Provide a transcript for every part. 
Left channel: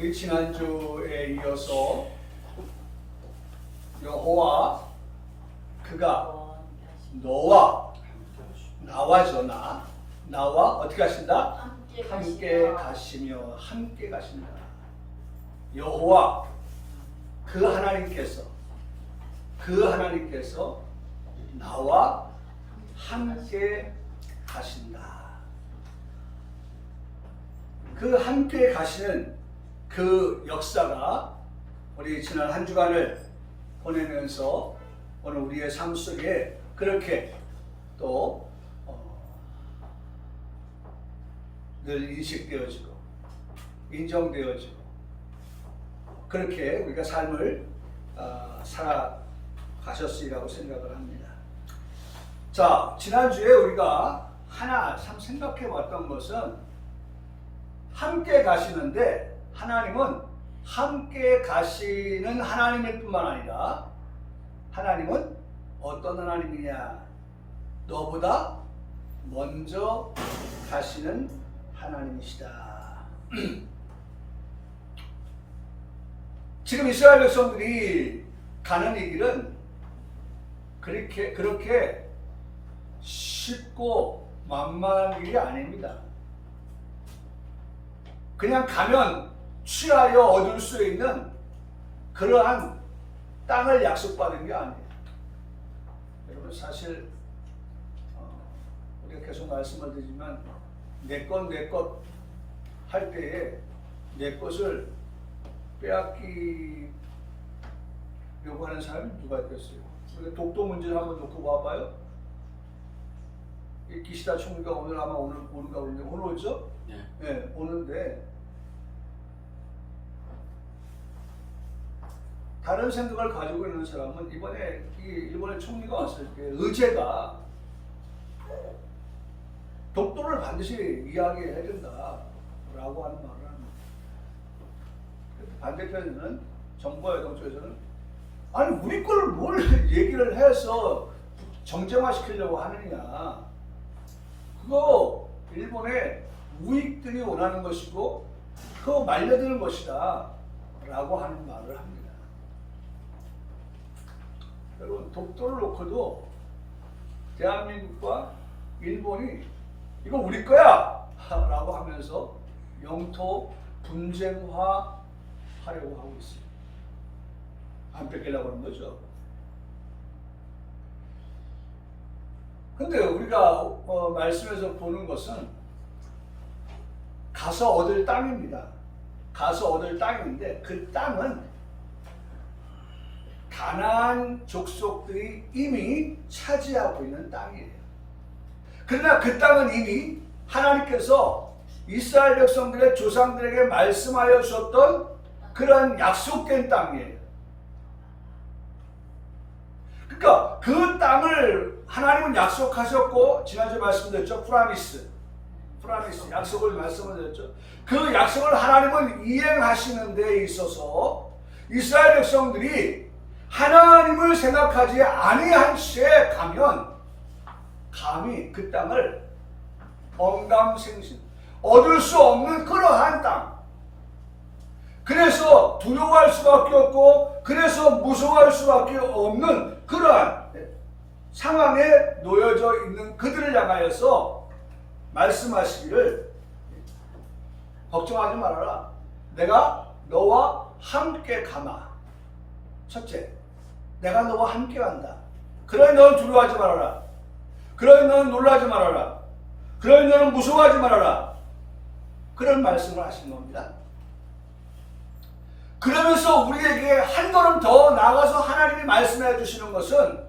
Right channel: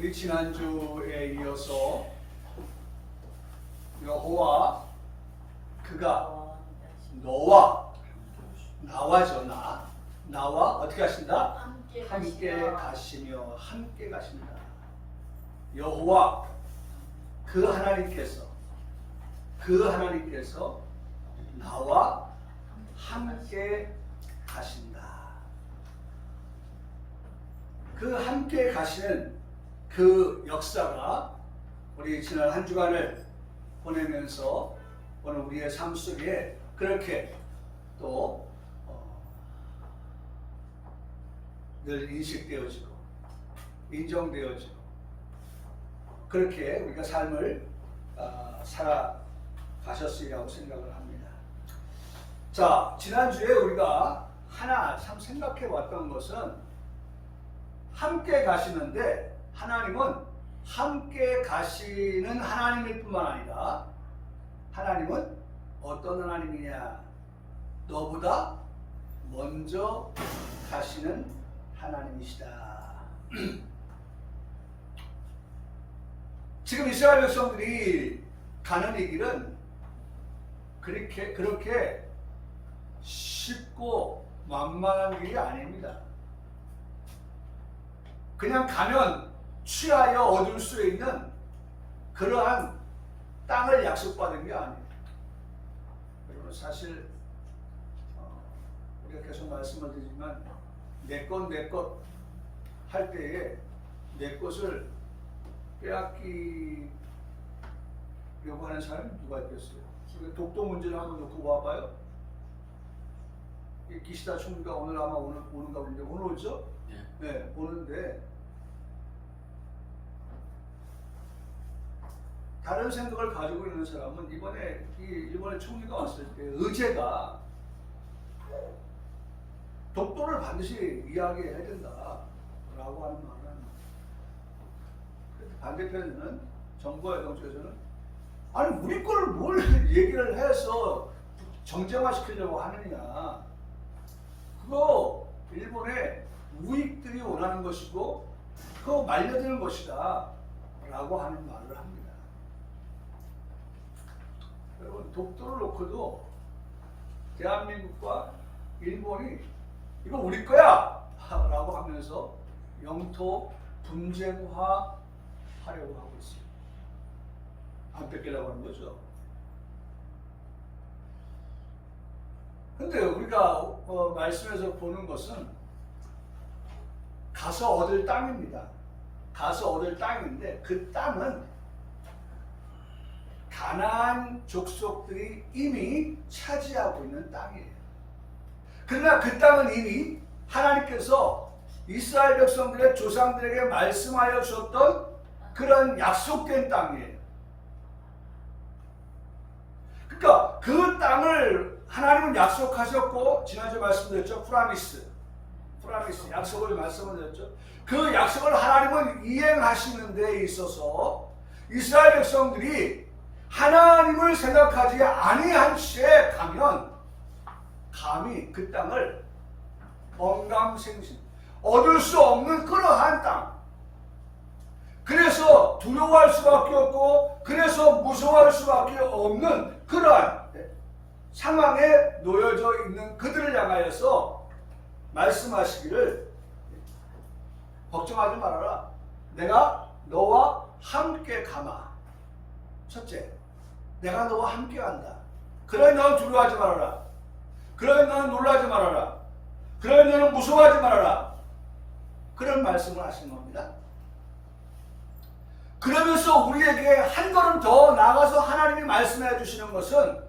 우리 지난주에 이어서 여호와 그가 너와 나와죠. 나와 어떻게 하신다? 함께 가시며 함께 가신다. 여호와 그 하나님께서 나와 함께 가신다. 그 함께 가시는 그 역사가 우리 지난 한 주간을 보내면서 오늘 우리의 삶 속에 그렇게 또 늘 인식되어지고 인정되어지고 그렇게 우리가 삶을 살아가셨으리라고 생각을 합니다. 자, 지난주에 우리가 하나 참 생각해 봤던 것은 함께 가시는데 하나님은 함께 가시는 하나님일 뿐만 아니라 하나님은 어떤 하나님이냐? 너보다 먼저 가시는 하나님이시다. 지금 이스라엘 백성들이 가는 이 길은 그렇게 쉽고 만만한 길이 아닙니다. 그냥 가면 취하여 얻을 수 있는 그러한 땅을 약속받은 게 아니에요. 여러분 사실 우리가 계속 말씀을 드리지만 내 것 할 때에 내 것을 빼앗기려고 하는 사람이 누가 있겠어요? 독도 문제를 한번 놓고 봐봐요. 기시다 총리가 오늘 아마 오는가 보는데 오늘 오죠? 네, 오는데 다른 생각을 가지고 있는 사람은 이번에 일본의 총리가 왔을 때 의제가 독도를 반드시 이야기해야 된다라고 하는 말을 합니다. 반대편에는 정부와 여당 쪽에서는 아니 우리 걸 뭘 얘기를 해서 정쟁화시키려고 하느냐. 그거 일본의 우익들이 원하는 것이고 그거 말려드는 것이다 라고 하는 말을 합니다. 여러분 독도를 놓고도 대한민국과 일본이 이거 우리 거야! 라고 하면서 영토 분쟁화 하려고 하고 있습니다. 안 뺏기려고 하는 거죠. 근데 우리가 말씀에서 보는 것은 가서 얻을 땅입니다. 가서 얻을 땅인데 그 땅은 가나안 족속들이 이미 차지하고 있는 땅이에요. 그러나 그 땅은 이미 하나님께서 이스라엘 백성들의 조상들에게 말씀하여 주셨던 그런 약속된 땅이에요. 그러니까 그 땅을 하나님은 약속하셨고 지난주에 말씀드렸죠. 프라미스 약속을 말씀을 드렸죠. 그 약속을 하나님은 이행하시는 데 있어서 이스라엘 백성들이 하나님을 생각하지 아니한 채 가면 감히 그 땅을 언감생심 얻을 수 없는 그러한 땅, 그래서 두려워할 수밖에 없고 그래서 무서워할 수밖에 없는 그러한 상황에 놓여져 있는 그들을 향하여서 말씀하시기를 걱정하지 말아라. 내가 너와 함께 가마. 첫째, 내가 너와 함께 간다. 그러니 너는 두려워하지 말아라. 그러니 너는 놀라지 말아라. 그러니 너는 무서워하지 말아라. 그런 말씀을 하시는 겁니다. 그러면서 우리에게 한 걸음 더 나아가서 하나님이 말씀해 주시는 것은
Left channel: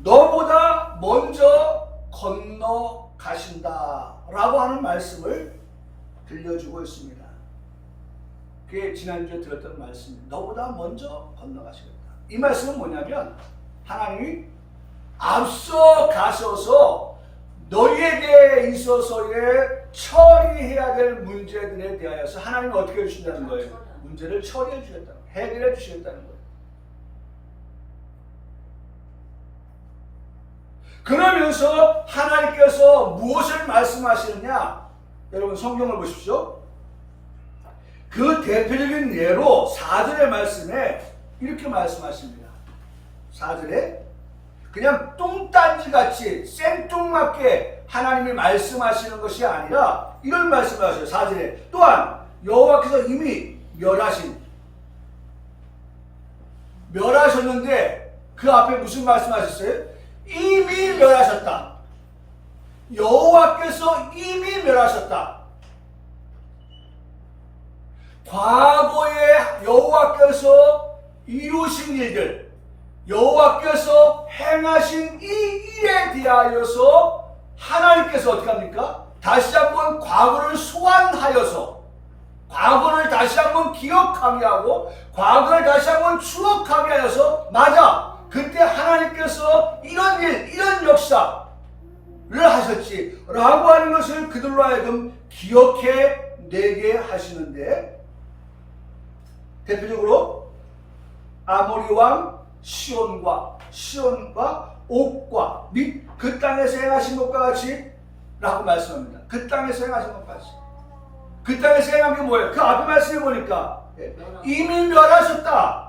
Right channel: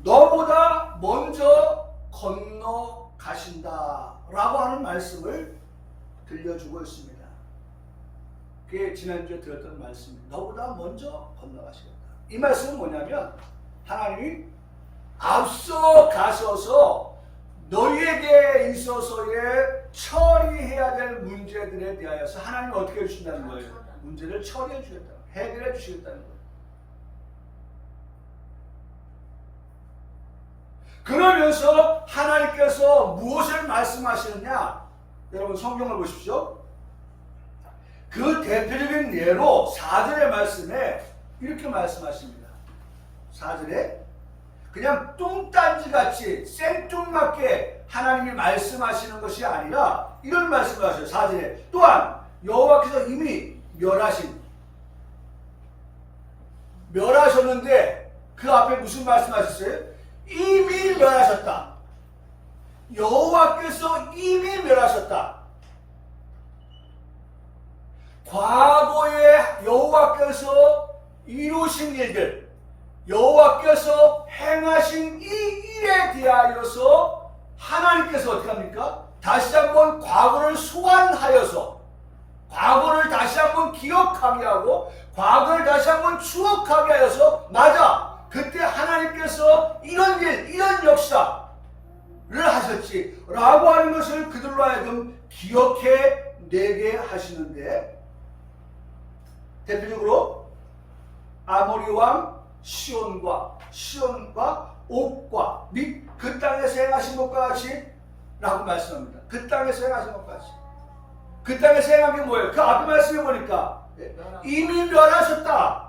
너보다 먼저 건너가신다 라고 하는 말씀을 들려주고 있습니다. 그게 지난주에 들었던 말씀입니다. 너보다 먼저 건너가시겠다. 이 말씀은 뭐냐면 하나님이 앞서 가셔서 너희에게 있어서의 처리해야 될 문제들에 대하여서 하나님이 어떻게 해주신다는 거예요? 문제를 처리해 주셨다는 거예요. 해결해 주셨다는 거예요. 그러면서 하나님께서 무엇을 말씀하시느냐? 여러분 성경을 보십시오. 그 대표적인 예로 4절의 말씀에 이렇게 말씀하십니다. 4절에 그냥 뚱딴지같이 생뚱맞게 하나님이 말씀하시는 것이 아니라 이런 말씀을 하셔요. 4절에 또한 여호와께서 이미 멸하셨는데 그 앞에 무슨 말씀하셨어요? 이미 멸하셨다. 여호와께서 이미 멸하셨다. 과거에 여호와께서 이루신 일들, 여호와께서 행하신 이 일에 대하여서 하나님께서 어떻게 합니까? 다시 한번 과거를 소환하여서 과거를 다시 한번 기억하게 하고 과거를 다시 한번 추억하게 하여서 맞아! 그때 하나님께서 이런 일, 이런 역사를 하셨지 라고 하는 것을 그들로 하여금 기억해내게 하시는데 대표적으로 아모리 왕 시온과 옥과 및 그 땅에서 행하신 것과 같이 라고 말씀합니다. 그 땅에서 행하신 것과 같이. 그 땅에서 행한 게 뭐예요? 그 앞에 말씀해 보니까 이미 멸하셨다.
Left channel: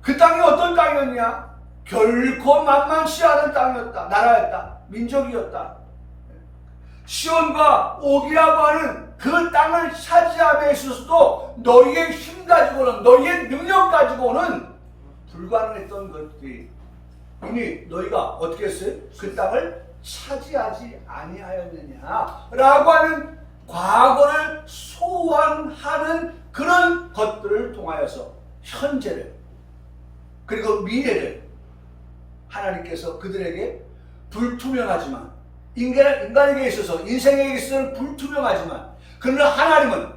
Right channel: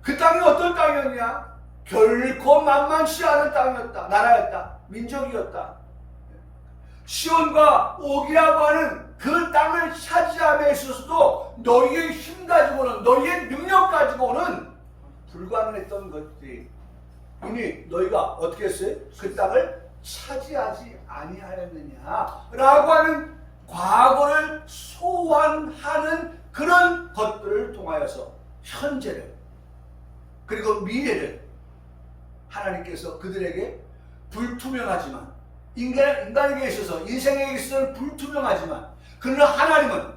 그 땅이 어떤 땅이었냐? 결코 만만치 않은 땅이었다. 나라였다. 민족이었다. 시온과 옥이라고 하는 그 땅을 차지함에 있어서도 너희의 힘 가지고는 너희의 능력 가지고는 불가능했던 것들이 이미 너희가 어떻게 했어요? 그 땅을 차지하지 아니하였느냐 라고 하는 과거를 소환하는 그런 것들을 통하여서 현재를 그리고 미래를 하나님께서 그들에게 불투명하지만 인간에게 있어서 인생에 있어서는 불투명하지만 그러나 하나님은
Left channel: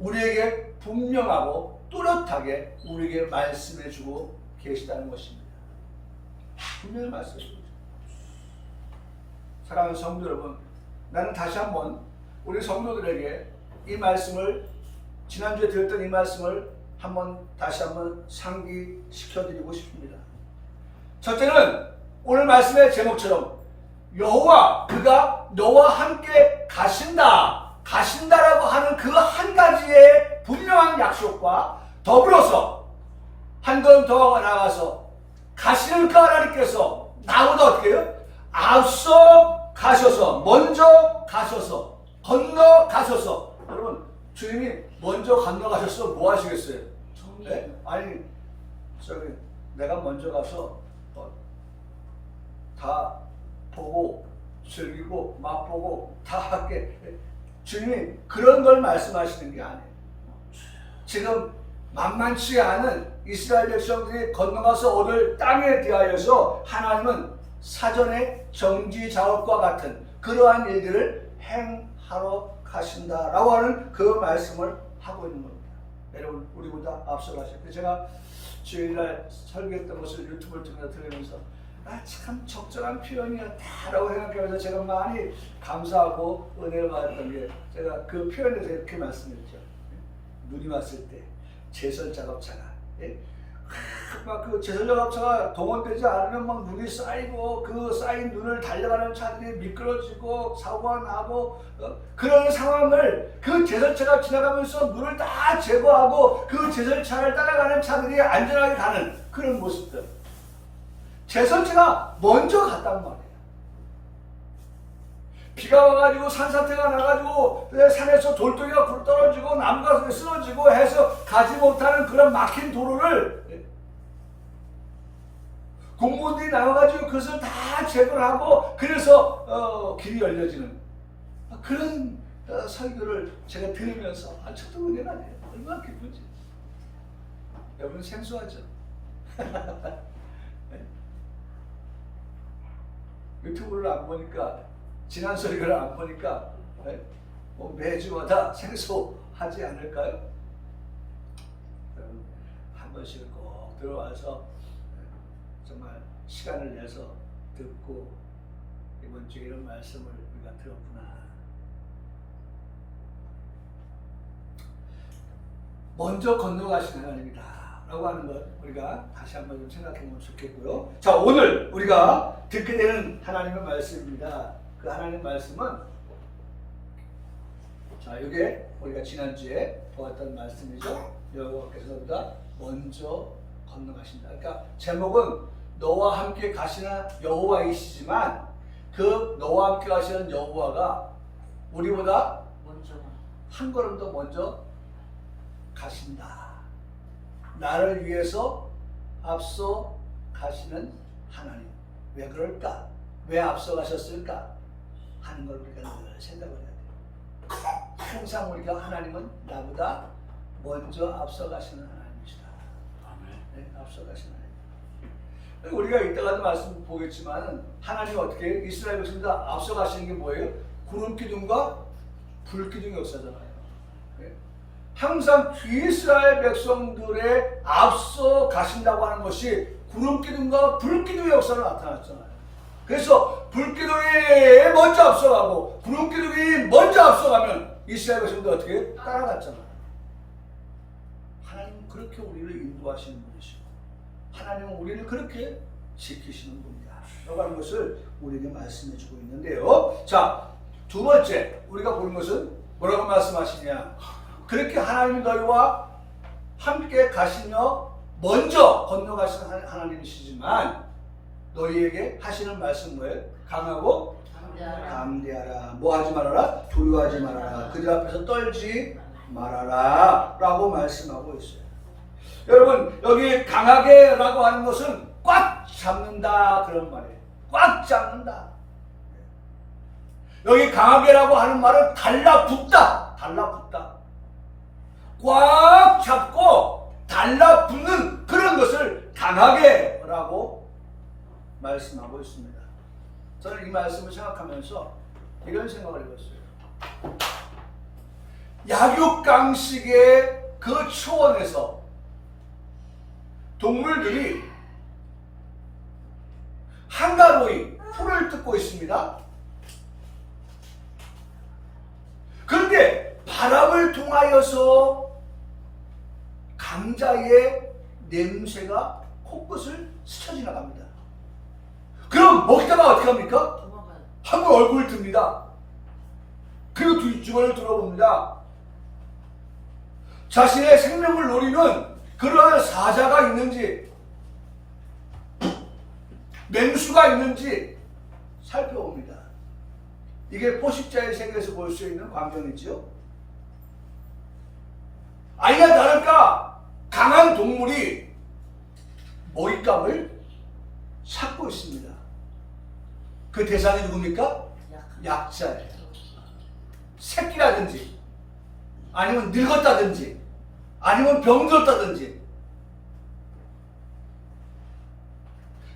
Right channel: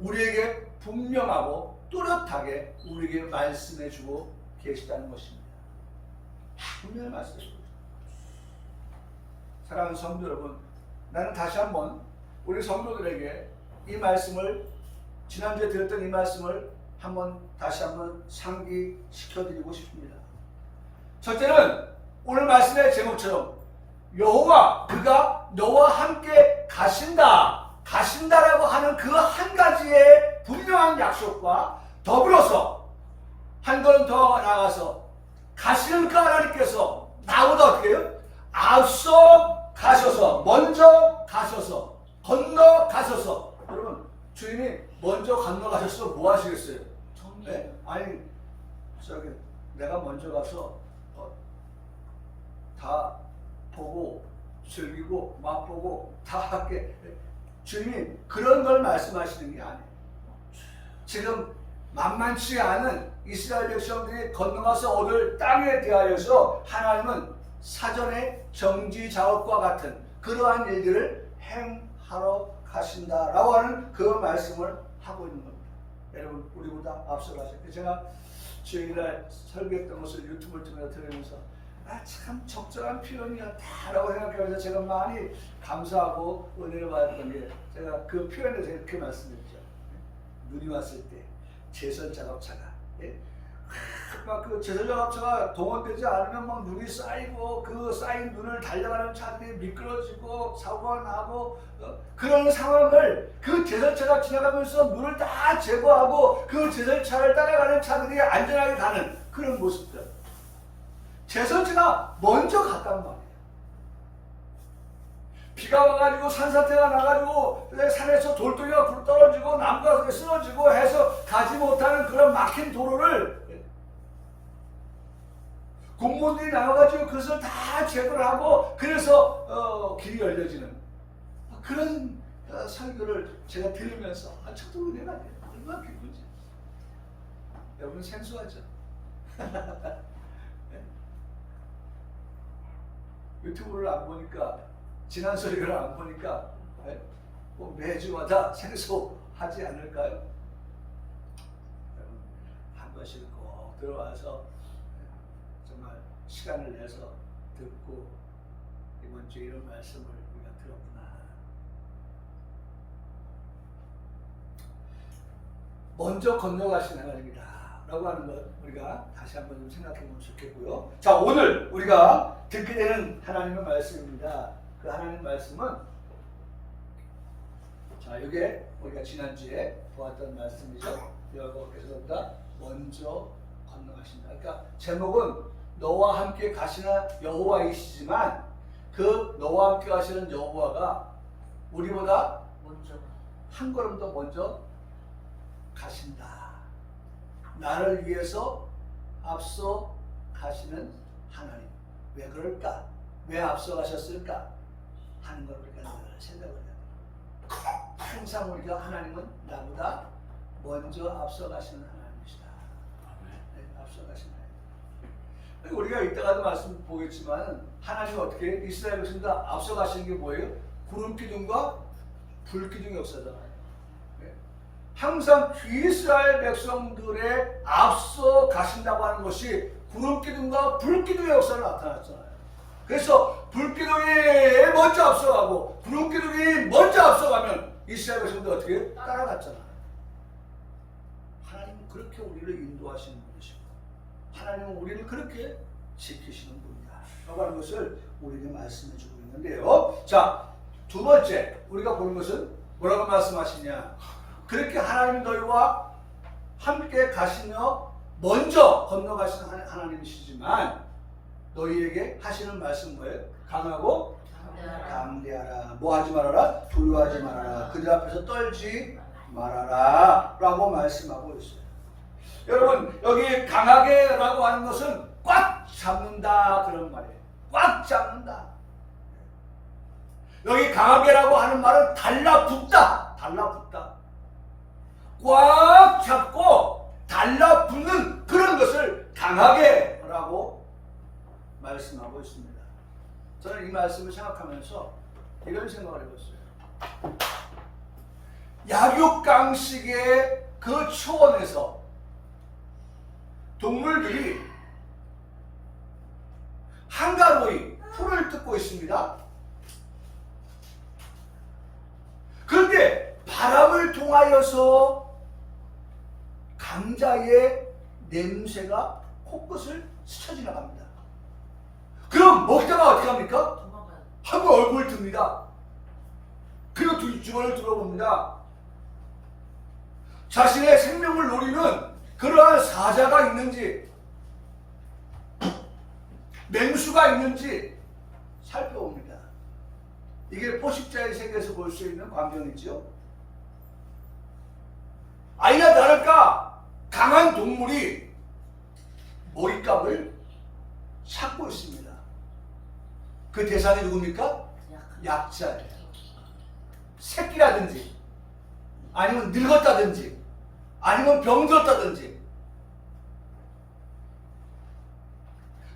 우리에게 분명하고 뚜렷하게 우리에게 말씀해주고 계시다는 것입니다. 분명히 말씀해주고 사랑하는 성도 여러분, 나는 다시 한번 우리 성도들에게 이 말씀을 지난주에 들었던 이 말씀을 다시 한번 상기시켜드리고 싶습니다. 첫째는 오늘 말씀의 제목처럼 여호와 그가 너와 함께 가신다라고 하는 그 한 가지의 분명한 약속과 더불어서 한 걸음 더 나아가서 가시는 그 하나님께서 나보다 어떻게 해요? 앞서 가셔서 먼저 가셔서 건너가셔서 여러분 주님이 먼저 건너가셔서 뭐 하시겠어요? 네? 아니 내가 먼저 가서 다 보고 즐기고 맛보고 다 할게. 주님이 그런 걸 말씀하시는 게 아니에요. 지금 만만치 않은 이스라엘 백성들이 건너가서 얻을 땅에 대하여서 하나님은 사전에 정지작업과 같은 그러한 일들을 행하러 가신다라고 하는 그 말씀을 하고 있는 겁니다. 여러분 우리보다 앞서 가셨어요. 제가 주일날 설교했던 것을 유튜브를 통해서 들으면서 참 적절한 표현이었다라고 생각하면서 제가 많이 감사하고 은혜를 받았던 게 제가 그 표현에 대해서 이렇게 말씀드렸죠. 눈이 왔을 때 제설 작업차가 막 그 제설 작업차가 동원되지 않으면 막 눈이 쌓이고 그 쌓인 눈을 달려가는 차들이 미끄러지고 사고가 나고 그런 상황을 그 제설차가 지나가면서 눈을 다 제거하고 그 제설차를 따라가는 차들이 안전하게 가는 그런 모습들. 제설차가 먼저 갔단 말이에요. 비가 와가지고 산사태가 나가지고 산에서 돌덩이가 불 떨어지고 나무가 쓰러지고 해서 가지 못하는 그런 막힌 도로를 공무원들이 나와가지고 그것을 다 제거를 하고 그래서 길이 열려지는 그런 설교를 제가 들으면서 저도 은혜가 돼요. 얼마나 기쁜지. 여러분 생소하죠? 유튜브를 안 보니까 지난 설교를 안 보니까 뭐 매주마다 생소하지 않을까요? 한 번씩 꼭 들어와서 정말 시간을 내서 듣고 이번 주에 이런 말씀을 우리가 들었구나. 먼저 건너가시는 하나님이다 라고 하는 것 우리가 다시 한번 좀 생각해 보면 좋겠고요. 자, 오늘 우리가 듣게 되는 하나님의 말씀입니다. 그 하나님 말씀은 자, 이게 우리가 지난주에 보았던 말씀이죠. 여호와께서보다 먼저 건너가신다. 그러니까 제목은 너와 함께 가시는 여호와이시지만 그 너와 함께 가시는 여호와가 우리보다 먼저 한 걸음 더 먼저 가신다. 나를 위해서 앞서 가시는 하나님. 왜 그럴까? 왜 앞서 가셨을까? 하는 걸 우리가 늘 생각을 해야 돼요. 항상 우리가 하나님은 나보다 먼저 앞서 가시는 하나님이시다. 네, 앞서 가시는 하나님. 우리가 이따가도 말씀 보겠지만 하나님이 어떻게 이스라엘 백성들 앞서 가시는 게 뭐예요? 구름 기둥과 불 기둥 역사잖아요. 네. 항상 이스라엘 백성들의 앞서 가신다고 하는 것이 구름 기둥과 불 기둥의 역사로 나타났잖아요. 그래서 불 기둥이 먼저 앞서가고 구름 기둥이 먼저 앞서가면 이스라엘 백성들 어떻게 따라갔잖아요. 하나님은 그렇게 우리를 인도하시는 분이시고 하나님은 우리를 그렇게 지키시는 분이다 라고 하는 것을 우리에게 말씀해 주고 있는데요. 자, 두 번째 우리가 보는 것은 뭐라고 말씀하시냐. 그렇게 하나님 너희와 함께 가시며 먼저 건너가시는 하나님이시지만 너희에게 하시는 말씀 뭐예요? 강하고 담대하라. 뭐 하지 말아라? 두려워하지 말아라. 그들 앞에서 떨지 말아라 라고 말씀하고 있어요. 여러분 여기 강하게 라고 하는 것은 꽉 잡는다 그런 말이에요. 꽉 잡는다. 여기 강하게라고 하는 말은 달라붙다. 달라붙다. 꽉 잡고 달라붙는 그런 것을 강하게라고 말씀하고 있습니다. 저는 이 말씀을 생각하면서 이런 생각을 해봤어요. 약육강식의 그 초원에서 동물들이 한가로이 풀을 뜯고 있습니다. 그런데 바람을 통하여서 강자의 냄새가 코끝을 스쳐 지나갑니다. 그럼 먹다가 어떻게 합니까? 도망가요. 한번 얼굴을 듭니다. 그리고 뒷주머니를 들어봅니다. 자신의 생명을 노리는 그러한 사자가 있는지 맹수가 있는지 살펴봅니다. 이게 포식자의 세계에서 볼 수 있는 광경이죠. 아니나 다를까 강한 동물이 먹잇감을 찾고 있습니다. 그 대상이 누굽니까? 약자예요. 새끼라든지 아니면 늙었다든지 아니면 병들었다든지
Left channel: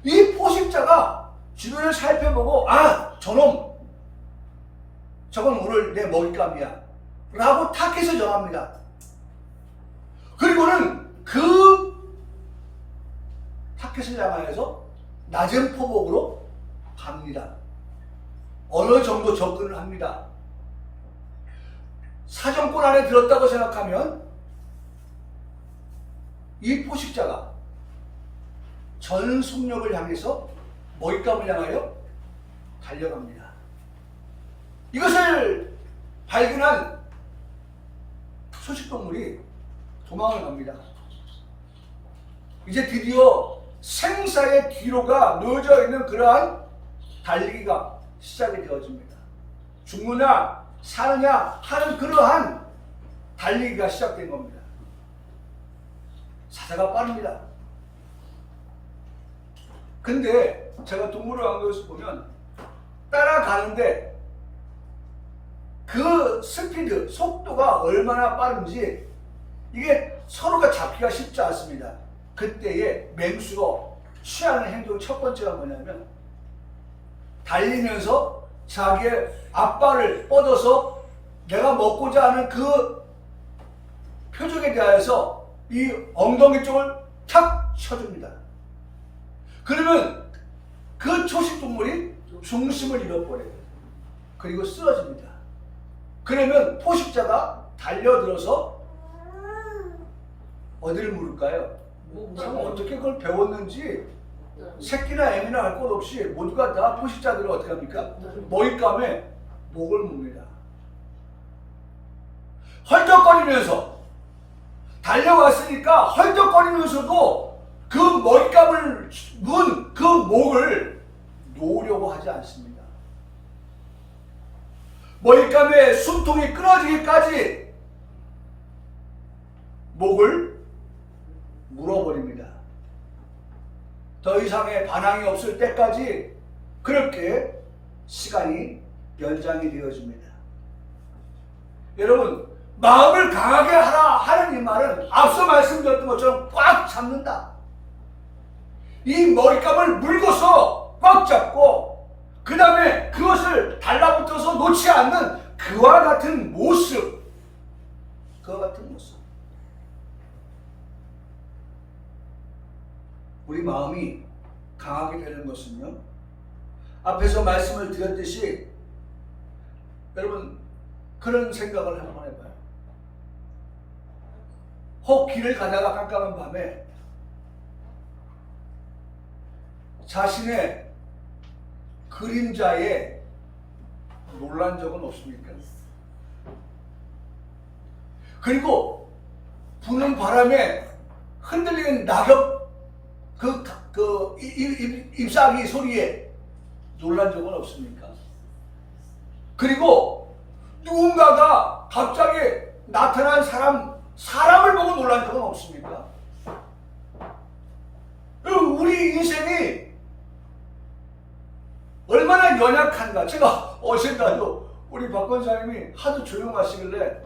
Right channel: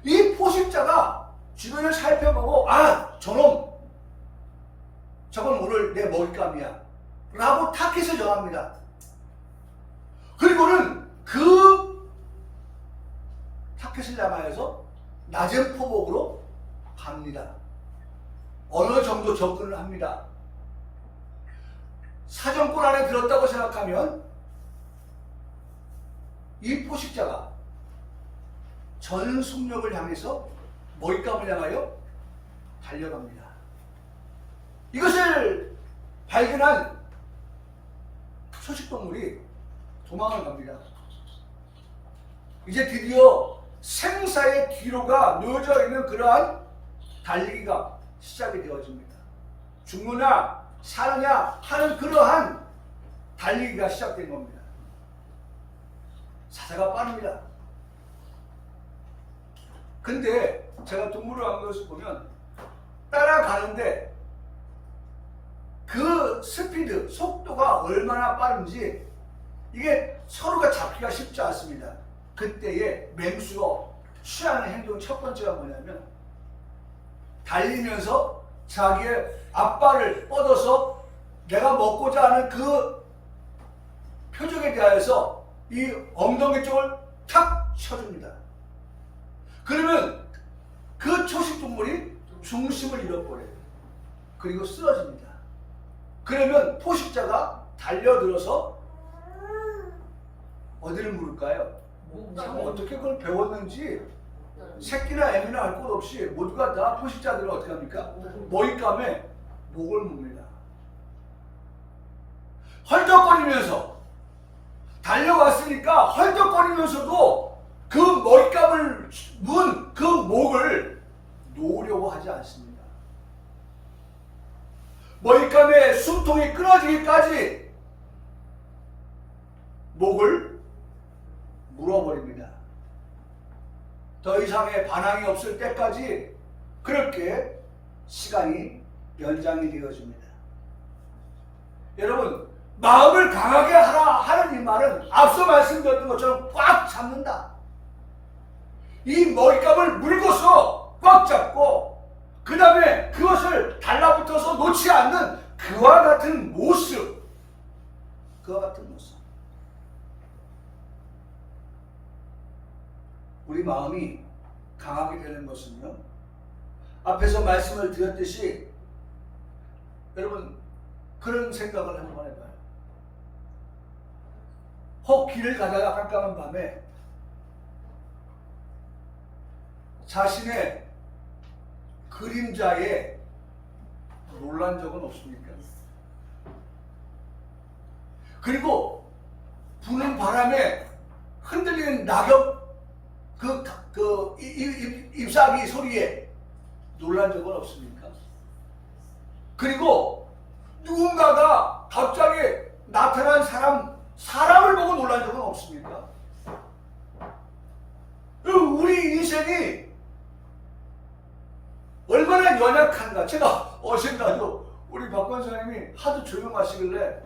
이 포식자가 주변을 살펴보고 아 저놈 저건 오늘 내 먹잇감이야 라고 타켓을 정합니다. 그리고는 그 타켓을 향하여서 낮은 포복으로 갑니다. 어느 정도 접근을 합니다. 사정권 안에 들었다고 생각하면 이 포식자가 전 속력을 향해서 먹잇감을 향하여 달려갑니다. 이것을 발견한 소식동물이 도망을 갑니다. 이제 드디어 생사의 뒤로가 놓여져 있는 그러한 달리기가 시작이 되어집니다. 죽느냐 사느냐 하는 그러한 달리기가 시작된 겁니다. 사자가 빠릅니다. 근데 제가 동물원에서 보면 따라가는데 그 스피드, 속도가 얼마나 빠른지 이게 서로가 잡기가 쉽지 않습니다. 그때에 맹수가 취하는 행동 첫 번째가 뭐냐면 달리면서 자기의 앞발을 뻗어서 내가 먹고자 하는 그 표적에 대하여서 이 엉덩이 쪽을 탁 쳐줍니다. 그러면 그 초식동물이 중심을 잃어버려요. 그리고 쓰러집니다. 그러면 포식자가 달려들어서 어디를 물을까요? 참 어떻게 그걸 배웠는지 새끼나 애미나 할 것 없이 모두가 다 포식자들은 어떻게 합니까? 먹잇감에 목을 뭅니다. 헐떡거리면서 달려왔으니까 헐떡거리면서도 그 먹잇감을 문 그 목을 놓으려고 하지 않습니다. 먹잇감의 숨통이 끊어지기까지 목을 물어버립니다. 더 이상의 반항이 없을 때까지 그렇게 시간이 연장이 되어집니다. 여러분, 마음을 강하게 하라 하는 이 말은 앞서 말씀드렸던 것처럼 꽉 잡는다. 이 먹잇감을 물고서 꽉 잡고 그 다음에 그것을 달라붙어서 놓지 않는 그와 같은 모습. 우리 마음이 강하게 되는 것은요, 앞에서 말씀을 드렸듯이 여러분 그런 생각을 한번 해봐요. 혹 길을 가다가 깜깜한 밤에 자신의 그림자에 놀란 적은 없습니까? 그리고 부는 바람에 흔들리는 낙엽 잎사귀 소리에 놀란 적은 없습니까? 그리고 누군가가 갑자기 나타난 사람을 보고 놀란 적은 없습니까? 우리 인생이 얼마나 연약한가. 제가 어젠가도 우리 박 권사님이 하도 조용하시길래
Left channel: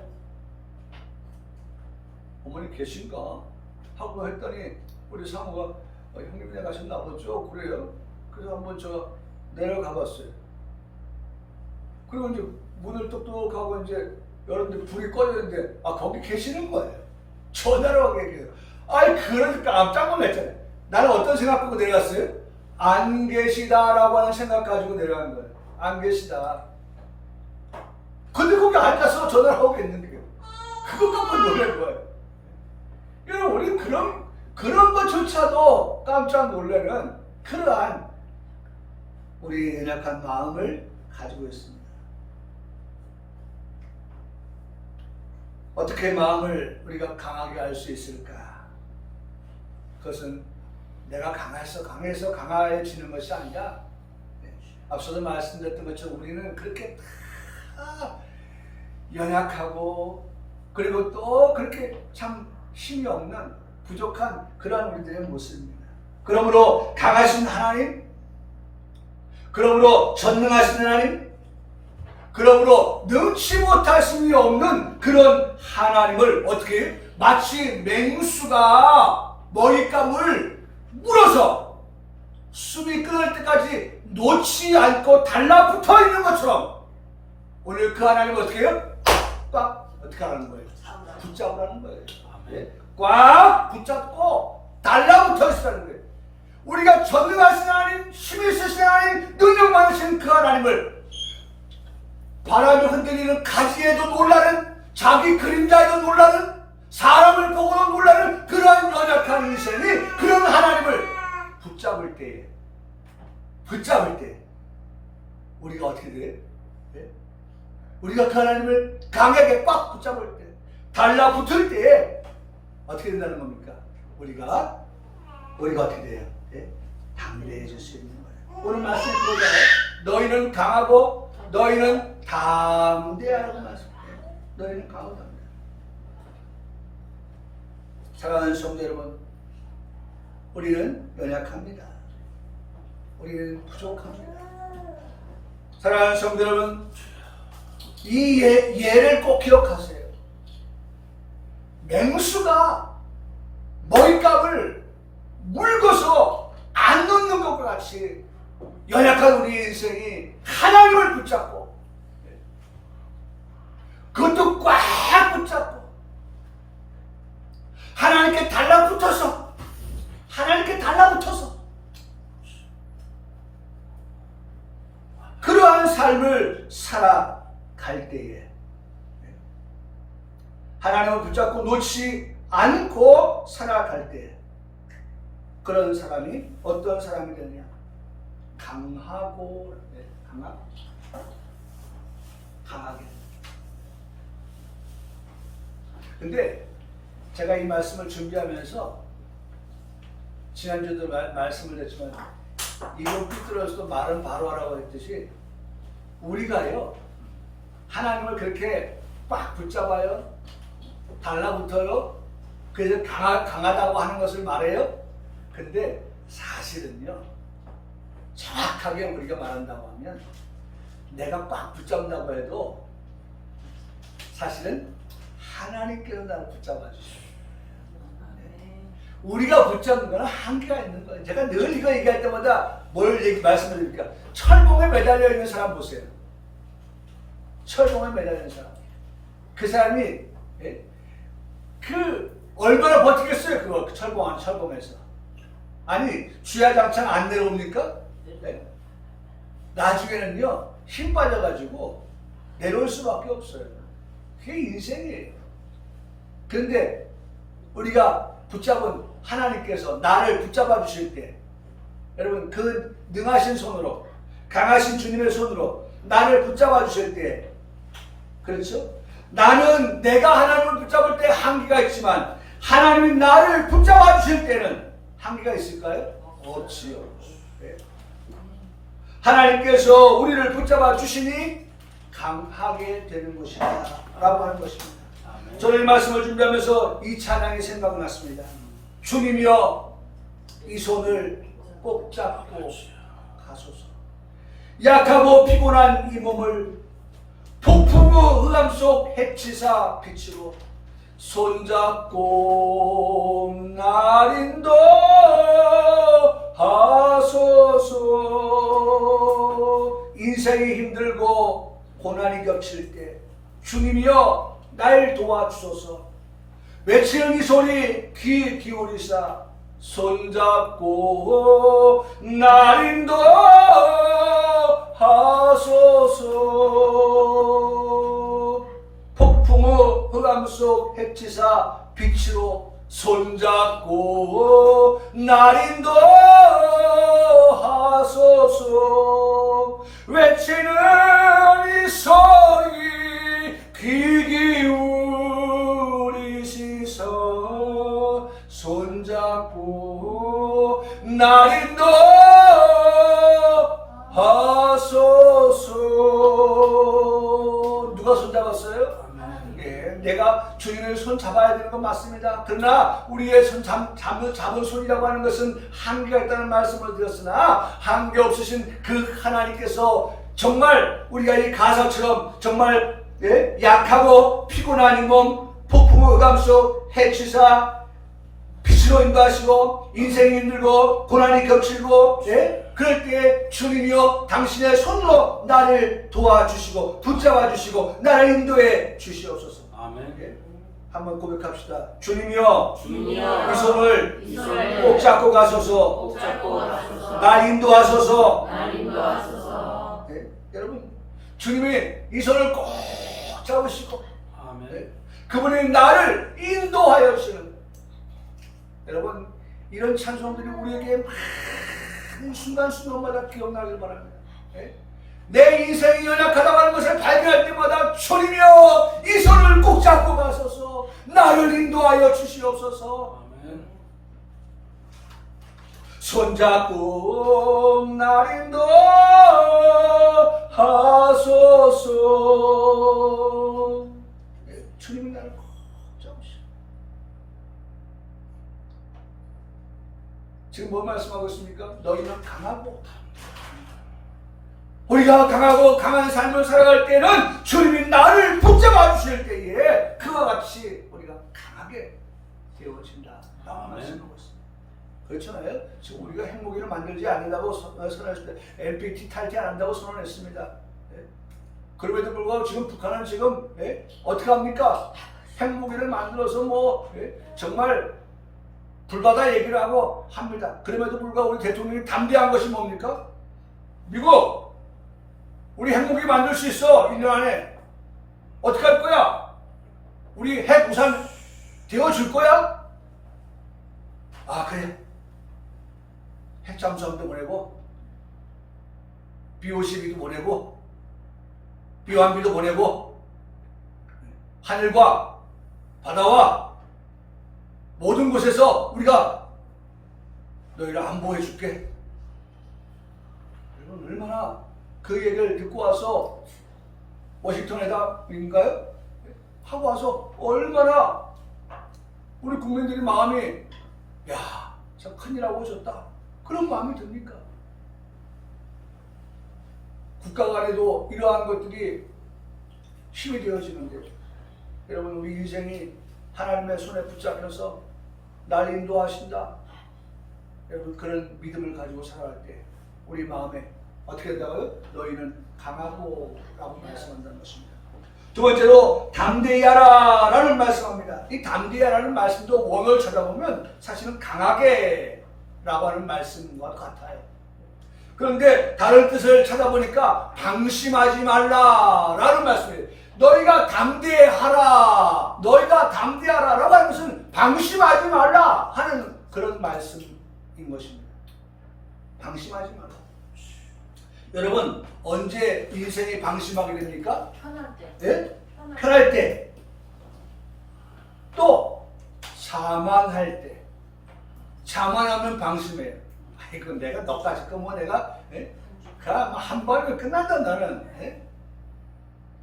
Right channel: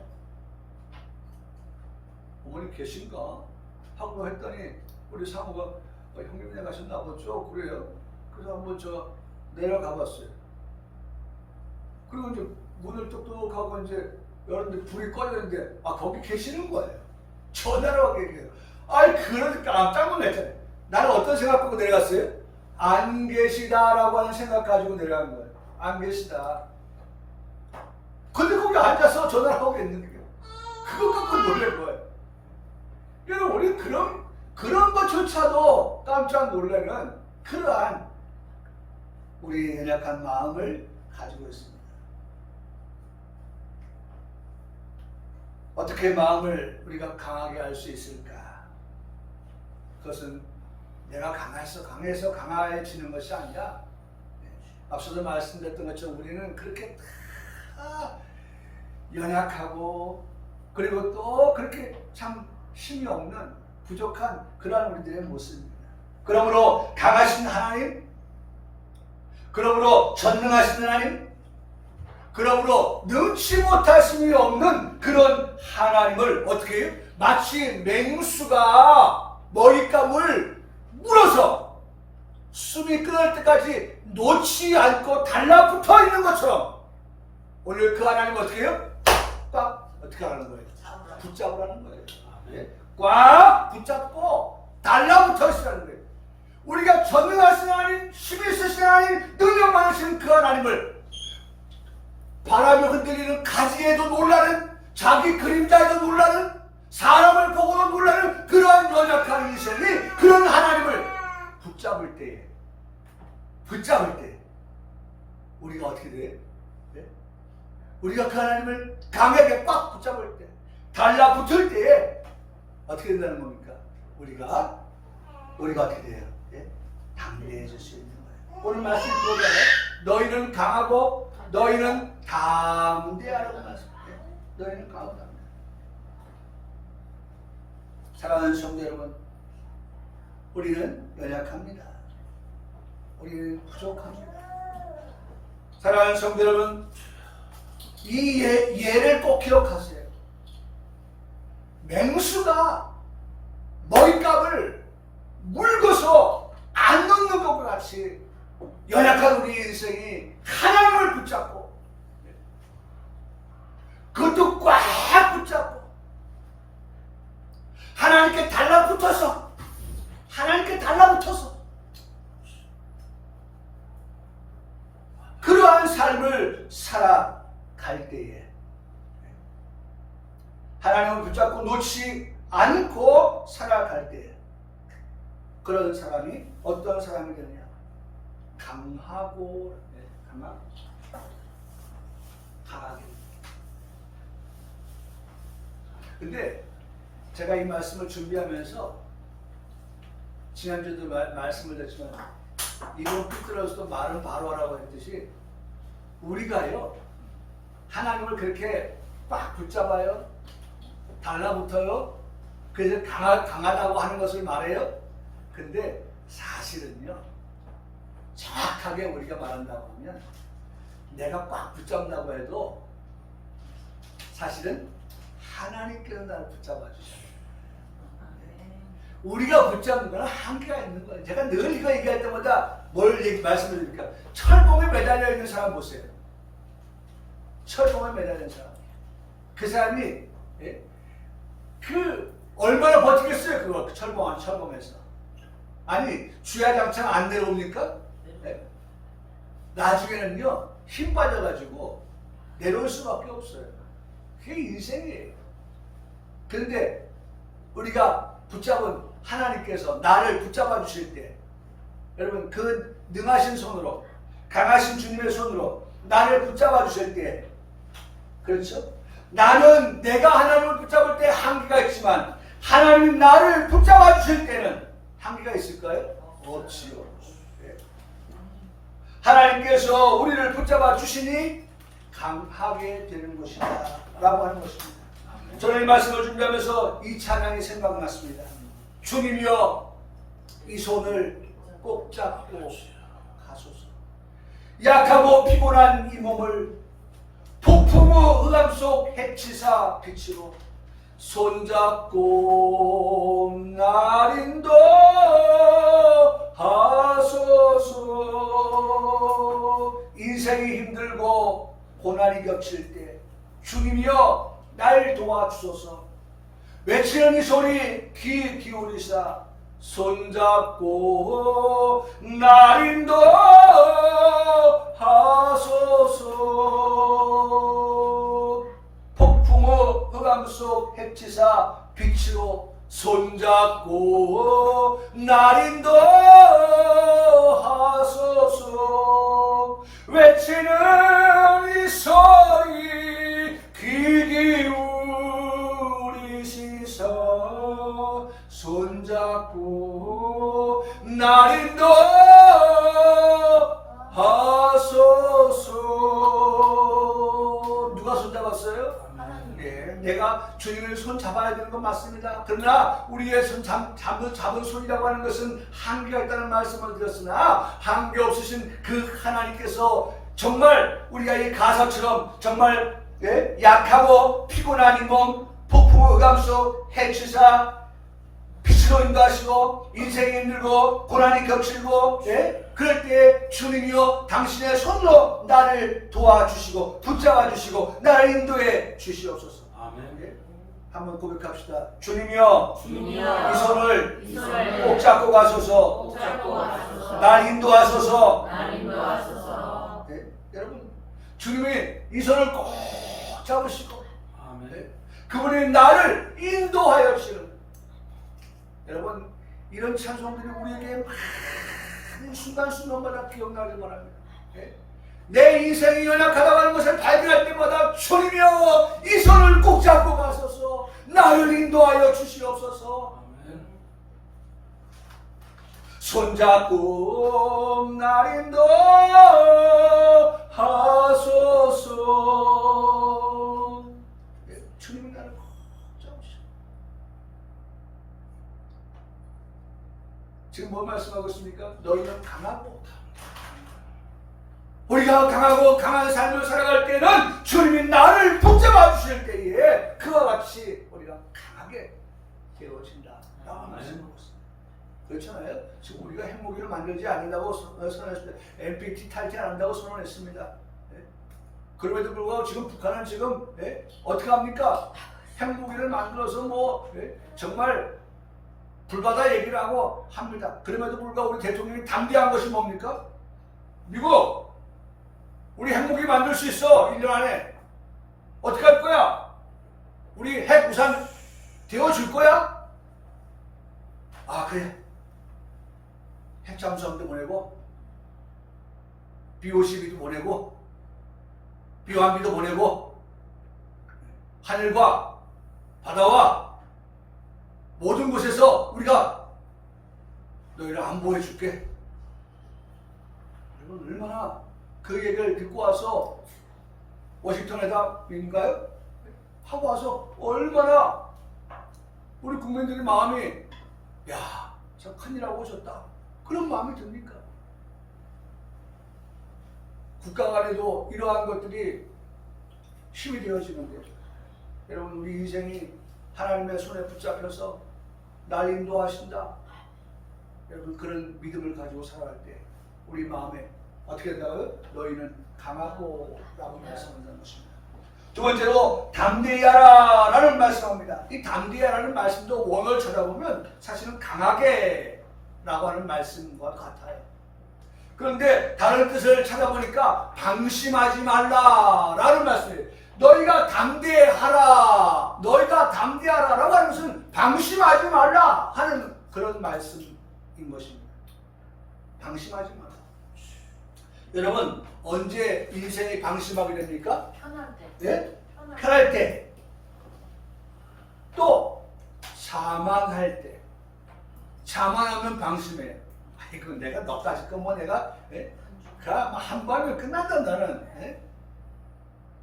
어머니 계신가? 하고 했더니 우리 사모가 형님네 가셨나 보죠? 그래요? 그래서 한번 저 내려가 봤어요. 그리고 이제 문을 똑똑하고 이제 열었는데 불이 꺼졌는데 거기 계시는 거예요. 전화로 하게 얘기해요. 그래서 깜짝 놀랐잖아요. 나는 어떤 생각 갖고 내려갔어요? 안 계시다라고 하는 생각 가지고 내려간 거예요. 안 계시다. 근데 거기 앉아서 전화를 하고 있는 게 그거 갖고 놀란 거예요. 여러분, 우리 그런 것조차도 깜짝 놀라는 그러한 우리의 연약한 마음을 가지고 있습니다. 어떻게 마음을 우리가 강하게 할 수 있을까? 그것은 내가 강해서 강해지는 것이 아니라, 앞서도 말씀드렸던 것처럼 우리는 그렇게 다 연약하고 그리고 또 그렇게 참 힘이 없는 부족한 그러한 우리들의 모습입니다. 그러므로 강하신 하나님, 그러므로 전능하신 하나님, 그러므로 능치 못하심이 없는 그런 하나님을 어떻게 마치 맹수가 먹잇감을 물어서 숨이 끊을 때까지 놓지 않고 달라붙어 있는 것처럼 오늘 그 하나님을 어떻게 해요? 꽉 어떻게 하는 거예요? 붙잡으라는 거예요. 꽉 붙잡고 달라붙어 있으라는 거예요. 우리가 전능하신 하나님, 힘이 있으신 하나님, 능력 많으신 그 하나님을 바람이 흔들리는 가지에도 놀라는, 자기 그림자에도 놀라는, 사람을 보고도 놀라는 그러한 연약한 인생이 그런 하나님을 붙잡을 때 우리가 어떻게 돼? 우리가 그 하나님을 강하게 꽉 붙잡을 때, 달라붙을 때에 어떻게 된다는 겁니까? 우리가 어떻게 돼요? 담대해질 수 있는 거예요. 오늘 말씀 보잖아요. 너희는 강하고 너희는 담대하라고 말씀해요. 너희는 강하고 담대. 사랑하는 성도 여러분, 우리는 연약합니다. 우리는 부족합니다. 사랑하는 성도 여러분, 이 예를 꼭 기억하세요. 맹수가 먹잇감을 물고서 안 놓는 것과 같이 연약한 우리 인생이 하나님을 붙잡고, 그것도 꽉 붙잡고 하나님께 달라붙어서 그러한 삶을 살아갈 때에 하나님을 붙잡고 놓지 않고 살아갈 때, 그런 사람이 어떤 사람이 되느냐? 강하고 강하게. 근데 제가 이 말씀을 준비하면서 지난주도 말씀을 드렸지만 이건 삐뚤어져도 말은 바로 하라고 했듯이 우리가요 하나님을 그렇게 빡 붙잡아요, 달라붙어요, 그래서 강하다고 하는 것을 말해요. 근데 사실은요 정확하게 우리가 말한다고 하면 내가 꽉 붙잡는다고 해도 사실은 하나님께서 나를 붙잡아 주셔요. 우리가 붙잡는 건 한계가 있는 거예요. 제가 늘 이거 얘기할 때마다 뭘 말씀을 드립니까? 철봉에 매달려 있는 사람 보세요. 철봉에 매달려 있는 사람. 그 사람이 그 얼마나 버티겠어요? 그거 철봉에서. 아니 주야장창 안 내려옵니까? 네? 나중에는요 힘 빠져가지고 내려올 수밖에 없어요. 그게 인생이에요. 그런데 우리가 붙잡은 하나님께서 나를 붙잡아 주실 때 여러분 그 능하신 손으로 강하신 주님의 손으로 나를 붙잡아 주실 때 그렇죠? 나는 내가 하나님을 붙잡을 때 한계가 있지만 하나님이 나를 붙잡아 주실 때는 한계가 있을까요? 없지요. 네. 하나님께서 우리를 붙잡아 주시니 강하게 되는 것이다 라고 하는 것입니다. 저는 이 말씀을 준비하면서 이 찬양이 생각났습니다. 주님이여 이 손을 꼭 잡고 가소서. 약하고 피곤한 이 몸을 폭풍의 흑암 속 해치사 빛으로 손잡고 날 인도하소서. 인생이 힘들고 고난이 겹칠 때 주님이여 날 도와주소서. 외치는 이 소리 귀 기울이사 손잡고 날 인도하소서. 폭풍의 흑암 속 해치사 빛으로 손잡고 날 인도하소서. 외치는 이 소리 귀 기울이시서 손잡고 날 인도하소서. 누가 손잡았어요? 예, 내가 주님의 손 잡아야 되는 건 맞습니다. 그러나 우리의 손 잡은 손이라고 하는 것은 한계가 있다는 말씀을 드렸으나 한계 없으신 그 하나님께서 정말 우리가 이 가사처럼 정말 약하고 피곤한 이 몸 폭풍의 흑암 속 해치사 빛으로 인도하시고 인생이 힘들고 고난이 겹치고 그럴 때 주님이여 당신의 손으로 나를 도와주시고 붙잡아 주시고 나를 인도해 주시옵소서. 아멘. 한번 고백합시다. 주님이여 이 이 손을 손을 꼭 잡고 가소서. 꼭 잡고 가소서. 날 인도하소서. 날 인도하소서. 여러분 주님이 이 손을 꼭 잡으시고 아멘. 그분이 나를 인도하여 주시는 여러분 이런 찬송들이 우리에게 많은 순간순간마다 기억나길 바랍니다. 내 인생이 연약하다고 하는 것을 발견할 때마다 주님이여 이 손을 꼭 잡고 가소서. 나를 인도하여 주시옵소서. 아멘. 손잡고 날 인도하소서. 주님이 나를 꼭 잡으시오. 지금 뭐 말씀하고 있습니까? 너희는 강하고 우리가 강하고 강한 삶을 살아갈 때는 주님이 나를 붙잡아 주실 때에 그와 같이 우리가 강하게 되어진다 라고 말씀하고 있습니다. 그렇잖아요. 지금 우리가 핵무기를 만들지 않는다고 선언했을 때 NPT 탈퇴 안 한다고 선언했습니다. 그럼에도 불구하고 지금 북한은 지금 어떻게 합니까? 핵무기를 만들어서 뭐 정말 불바다 얘기를 하고 합니다. 그럼에도 불구하고 우리 대통령이 담대한 것이 뭡니까? 미국 우리 핵무기 만들 수 있어. 1년 안에. 어떻게 할 거야? 우리 핵 우산 되어줄 거야? 아 그래. 핵잠수함도 보내고 BOCB도 보내고 비완비도 보내고 하늘과 바다와 모든 곳에서 우리가 너희를 안보해 줄게. 여러분 얼마나 그 얘기를 듣고 와서 워싱턴에다인가요? 하고 와서 얼마나 우리 국민들이 마음이 야, 참 큰일하고 오셨다 그런 마음이 듭니까? 국가 간에도 이러한 것들이 힘이 되어지는데 여러분 우리 인생이 하나님의 손에 붙잡혀서 날 인도하신다. 여러분 그런 믿음을 가지고 살아갈 때 우리 마음에 어떻게 된다고요? 너희는 강하고 라고 말씀한다는 것입니다. 두 번째로 담대히 하라 라는 말씀합니다. 이 담대히 하라는 말씀도 원어를 찾아보면 사실은 강하게 라고 하는 말씀과 같아요. 그런데 다른 뜻을 찾아보니까 방심하지 말라 라는 말씀이에요. 너희가 담대하라, 너희가 담대하라 라고 하는 것은 방심하지 말라 하는 그런 말씀인 것입니다. 방심하지 마라. 여러분 언제 인생이 방심하게 됩니까? 편할 때. 예? 편할 때. 또 자만할 때. 자만하면 방심해요. 아이고 내가 너까지 거 뭐 내가 한 번이면 끝난다 너는.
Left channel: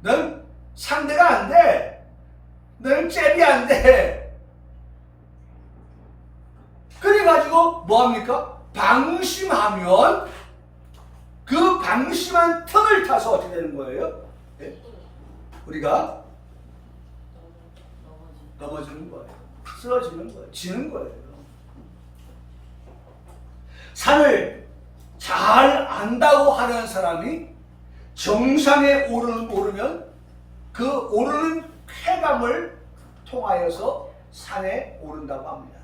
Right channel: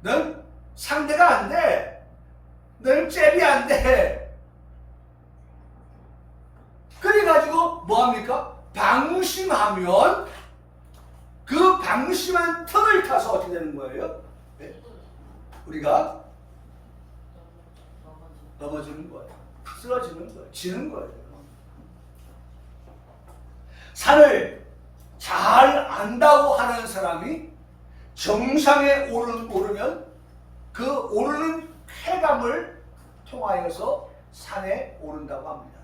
넌 상대가 안 돼. 너는 잽이 안 돼. 그래가지고 뭐합니까? 방심하면 그 방심한 틈을 타서 어떻게 되는 거예요? 우리가 넘어지는 거예요. 쓰러지는 거예요. 지는 거예요. 산을 잘 안다고 하는 사람이 정상에 오르면 그 오르는 쾌감을 통하여서 산에 오른다고 합니다.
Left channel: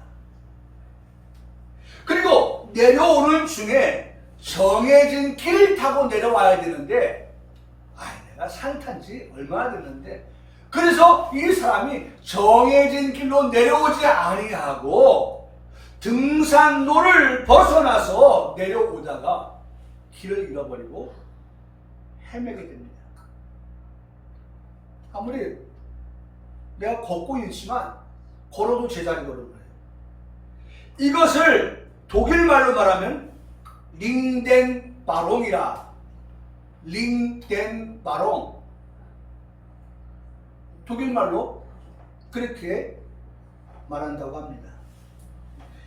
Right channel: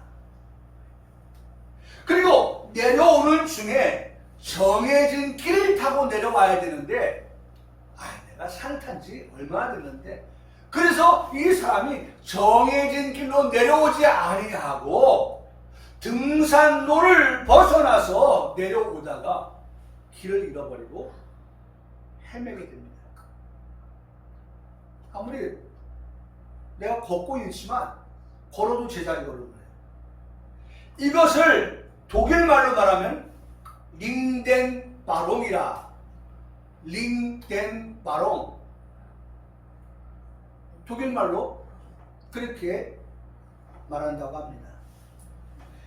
그리고 내려오는 중에 정해진 길을 타고 내려와야 되는데 내가 산 탄 지 얼마나 됐는데 그래서 이 사람이 정해진 길로 내려오지 아니하고 등산로를 벗어나서 내려오다가 길을 잃어버리고 헤매게 됩니다. 아무리 내가 걷고 있지만 걸어도 제자리 걸는 거예요. 이것을 독일말로 말하면 링덴바롱이라. 링덴바롱. 독일말로 그렇게 말한다고 합니다.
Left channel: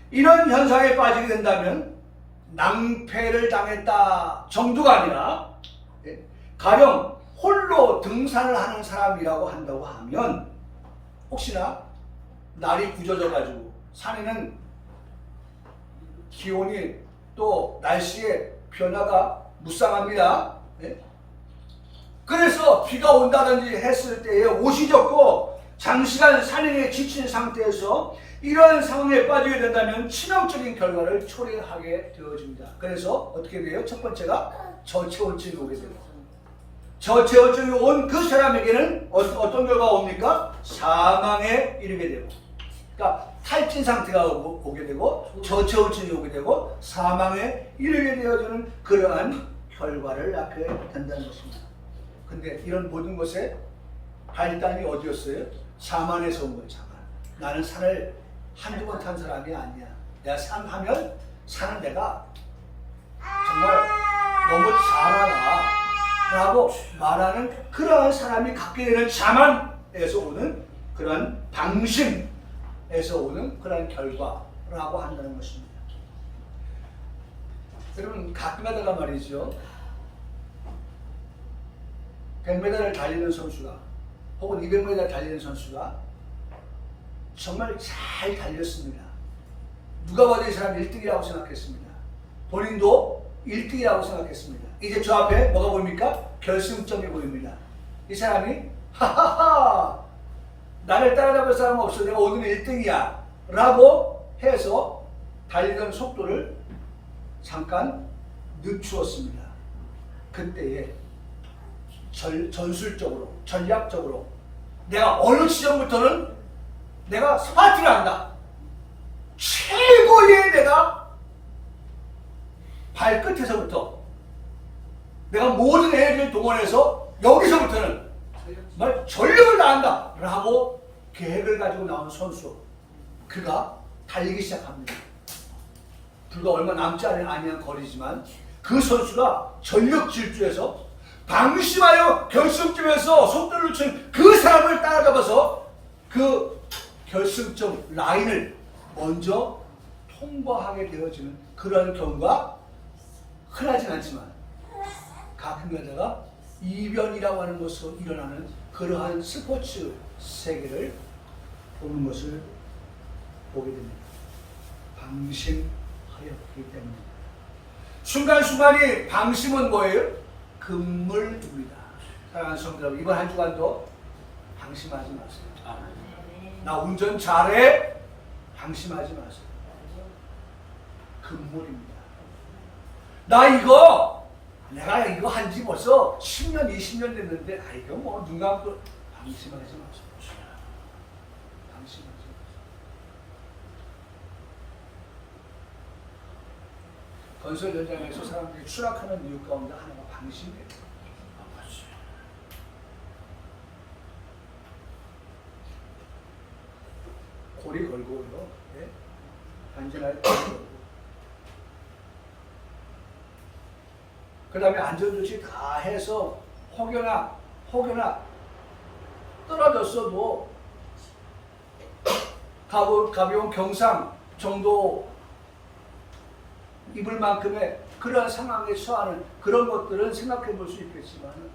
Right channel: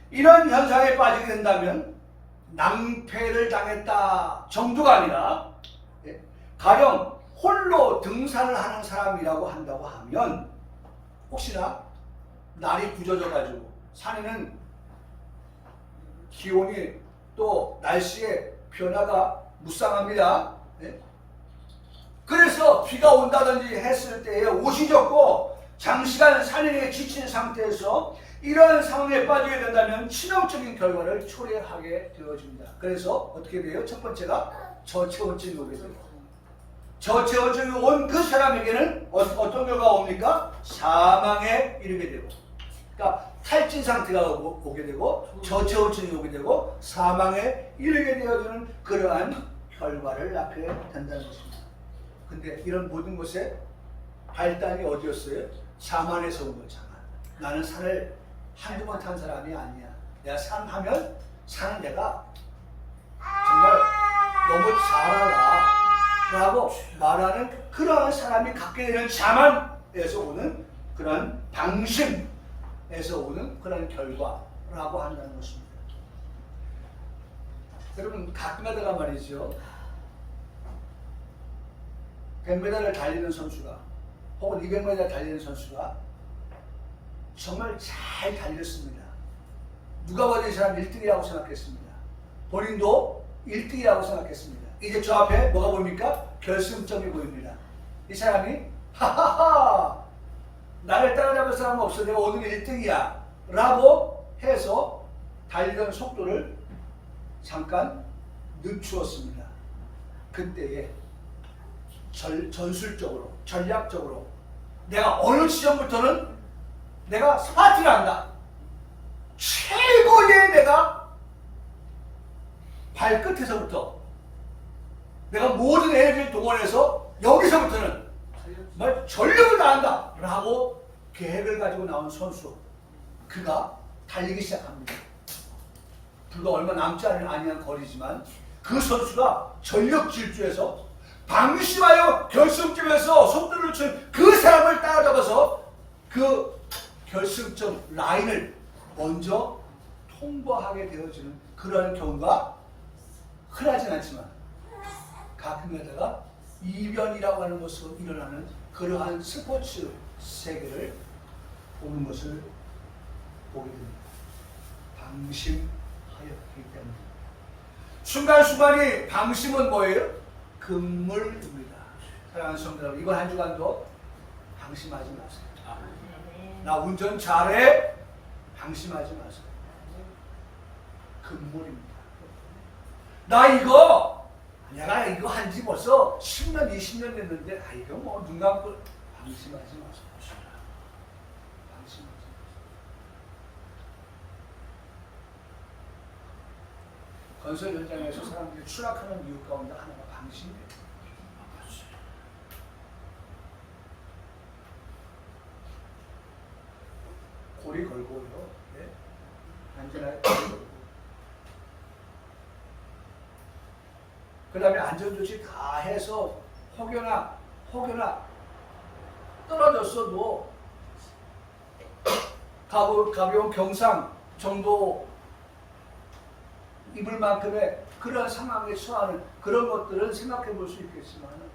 이런 현상에 빠지게 된다면 낭패를 당했다 정도가 아니라 가령 홀로 등산을 하는 사람이라고 한다고 하면 혹시나 날이 굳어져 가지고 산에는 기온이 또 날씨의 변화가 무쌍합니다. 그래서 비가 온다든지 했을 때에 옷이 젖고 장시간 산행에 지친 상태에서 이러한 상황에 빠지게 된다면 치명적인 결과를 초래하게 되어집니다. 그래서 어떻게 돼요? 첫 번째가 저체온증이 오게 돼요. 저체온증이 온 그 사람에게는 어떤 결과가 옵니까? 사망에 이르게 되고, 그러니까 탈진 상태가 오게 되고 저체온증이 오게 되고 사망에 이르게 되어지는 그러한 결과를 낳게 된다는 것입니다. 근데 이런 모든 것의 발단이 어디였어요? 자만에서 온 거예요. 자만. 나는 산을 한두 번 탄 사람이 아니야. 내가 산 하면 산은 내가 정말 너무 잘 알아 라고 말하는 그러한 사람이 갖게 되는 자만에서 오는 그런 방심에서 오는 그런 결과라고 한다는 것입니다. 여러분 가끔 하다가 말이죠, 100m를 달리는 선수가 혹은 200m 달리는 선수가 정말 잘 달렸습니다. 누가 봐도 이 사람 1등이라고 생각했습니다. 본인도 1등이라고 생각했습니다. 이제 저 앞에 뭐가 보입니까? 결승점이 보입니다. 이 사람이 하하하 나를 따라잡을 사람은 없어, 내가 오늘 1등이야 라고 해서 달리던 속도를 잠깐 늦추었습니다. 그때에 전술적으로 전략적으로 내가 어느 지점부터는 내가 스파트를 한다, 최고의 내가 발끝에서부터 내가 모든 에너지를 동원해서 여기서부터는 정말 전력을 다한다 라고 계획을 가지고 나온 선수, 그가 달리기 시작합니다. 불과 얼마 남지 아니한 거리지만 그 선수가 전력 질주해서 방심하여 결승점에서 속도를 늦춘 그 사람을 따라잡아서 그 결승점 라인을 먼저 통과하게 되어지는 그러한 경우가 흔하진 않지만 가끔가다가 이변이라고 하는 것으로 일어나는 그러한 스포츠 세계를 보는 것을 보게 됩니다. 방심하였기 때문에. 순간순간이 방심은 뭐예요? 금물입니다. 사랑하는 성도 여러분, 이번 한 주간도 방심하지 마세요. 나 운전 잘해? 방심하지 마세요. 금물입니다. 내가 이거 한지 벌써 10년, 20년 됐는데, 이거 뭐 눈 감고 방심하지 마세요. 방심하지 마세요. 건설 현장에서 사람들이 추락하는 이유 가운데 하나가 방심이에요. 고리 걸고요. 예? 안전하게 걸고. 그 다음에 안전조치 다 해서 혹여나 떨어졌어도 가벼운 경상 정도 입을 만큼의 그런 상황에 처하는 그런 것들은 생각해 볼 수 있겠지만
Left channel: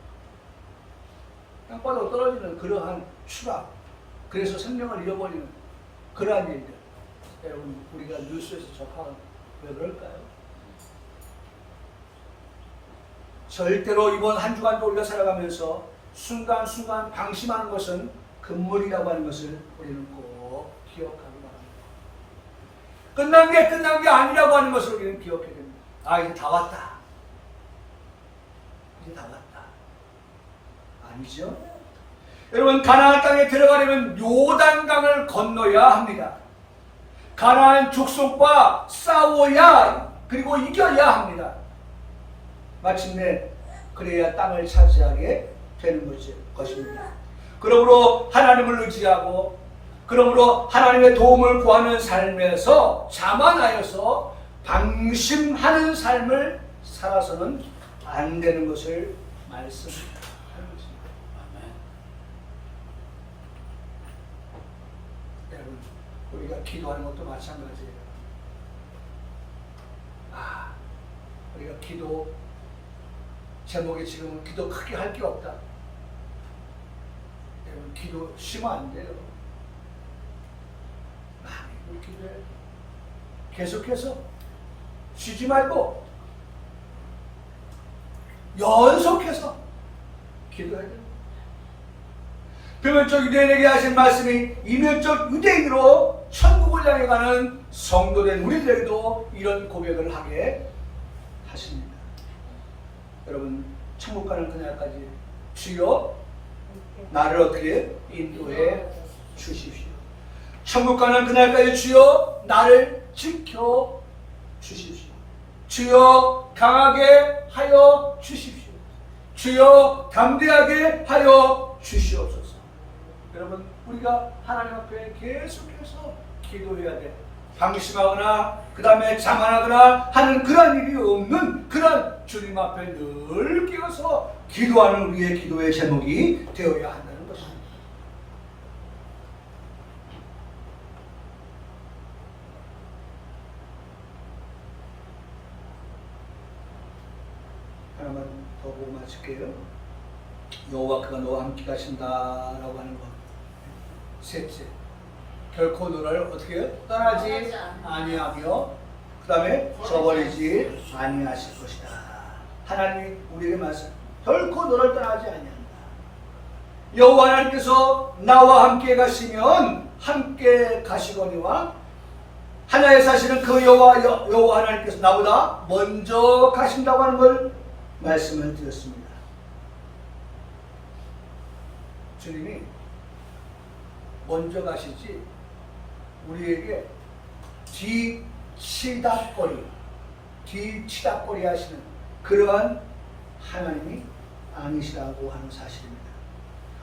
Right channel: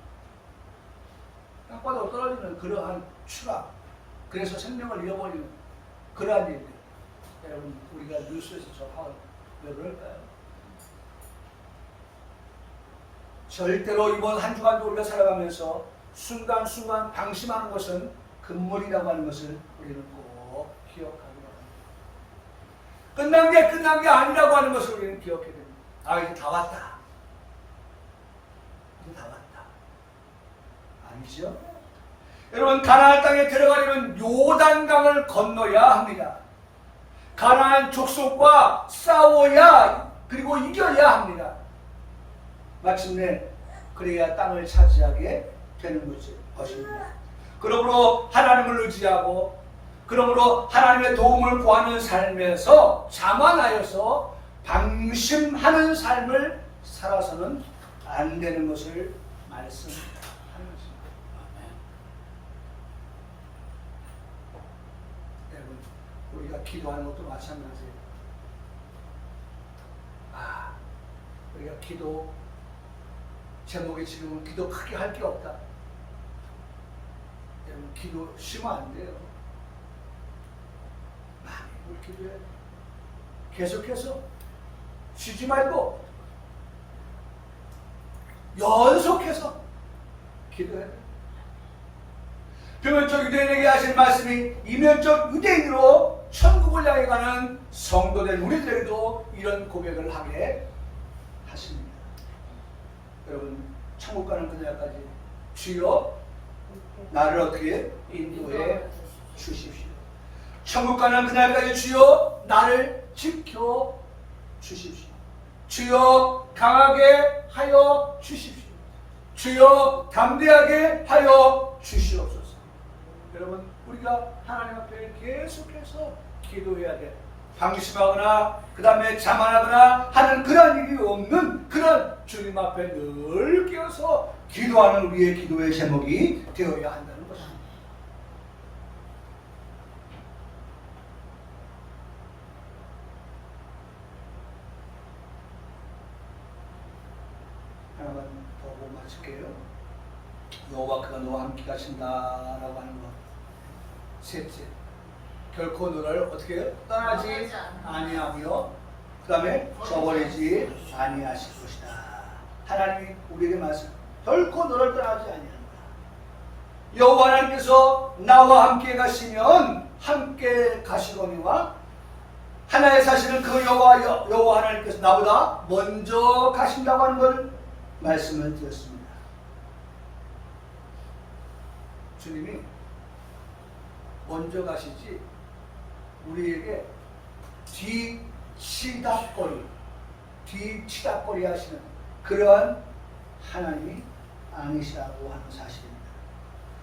땅바닥으로 떨어지는 그러한 추락, 그래서 생명을 잃어버리는 그러한 일들, 여러분 우리가 뉴스에서 접하면 왜 그럴까요? 절대로 이번 한 주간도 우리가 살아가면서 순간순간 방심하는 것은 금물이라고 하는 것을 우리는 꼭 기억하기 바랍니다. 끝난 게 아니라고 하는 것을 우리는 기억해야 됩니다. 이제 다 왔다. 이제 다 왔다. 아니죠? 여러분, 가나안 땅에 들어가려면 요단강을 건너야 합니다. 가나안 족속과 싸워야, 그리고 이겨야 합니다. 마침내 그래야 땅을 차지하게 되는 것입니다. 그러므로 하나님을 의지하고, 그러므로 하나님의 도움을 구하는 삶에서 자만하여서 방심하는 삶을 살아서는 안 되는 것을 말씀하는 것입니다. 여러분, 우리가 기도하는 것도 마찬가지예요. 우리가 기도 제목에 지금은 기도 크게 할 게 없다. 여러분, 기도 쉬면 안 돼요. 많이 기도해. 계속해서 쉬지 말고 연속해서 기도해야 돼요. 표면적 유대인에게 하신 말씀이 이면적 유대인으로 천국을 향해 가는 성도된 우리들에게도 이런 고백을 하게 하십니다. 여러분, 천국 가는 그날까지 주여 나를 어떻게 인도해 주십시오. 천국 가는 그날까지 주여 나를 지켜 주십시오. 주여 강하게 하여 주십시오. 주여 담대하게 하여 주시옵소서. 여러분, 우리가 하나님 앞에 계속해서 기도해야 돼. 방심하거나 그 다음에 자만하거나 하는 그런 일이 없는 그런 주님 앞에 늘 끼어서 기도하는 우리의 기도의 제목이 되어야 한다는 것입니다. 하나만 더 보고 마칠게요. 여호와 그가 너와 함께 가신다라고 하는 것. 셋째, 결코 너를 어떻게 해요? 떠나지 아니하며 그 다음에 저버리지 아니하실 것이다. 하나님이 우리에게 말씀, 결코 너를 떠나지 아니한다. 여호와 하나님께서 나와 함께 가시면 함께 가시거니와 하나의 사실은 그 여호와 하나님께서 나보다 먼저 가신다고 하는 걸 말씀을 드렸습니다. 주님이 먼저 가시지 우리에게 뒤치다거리 뒤치다거리 하시는 그러한 하나님이 아니시라고 하는 사실입니다.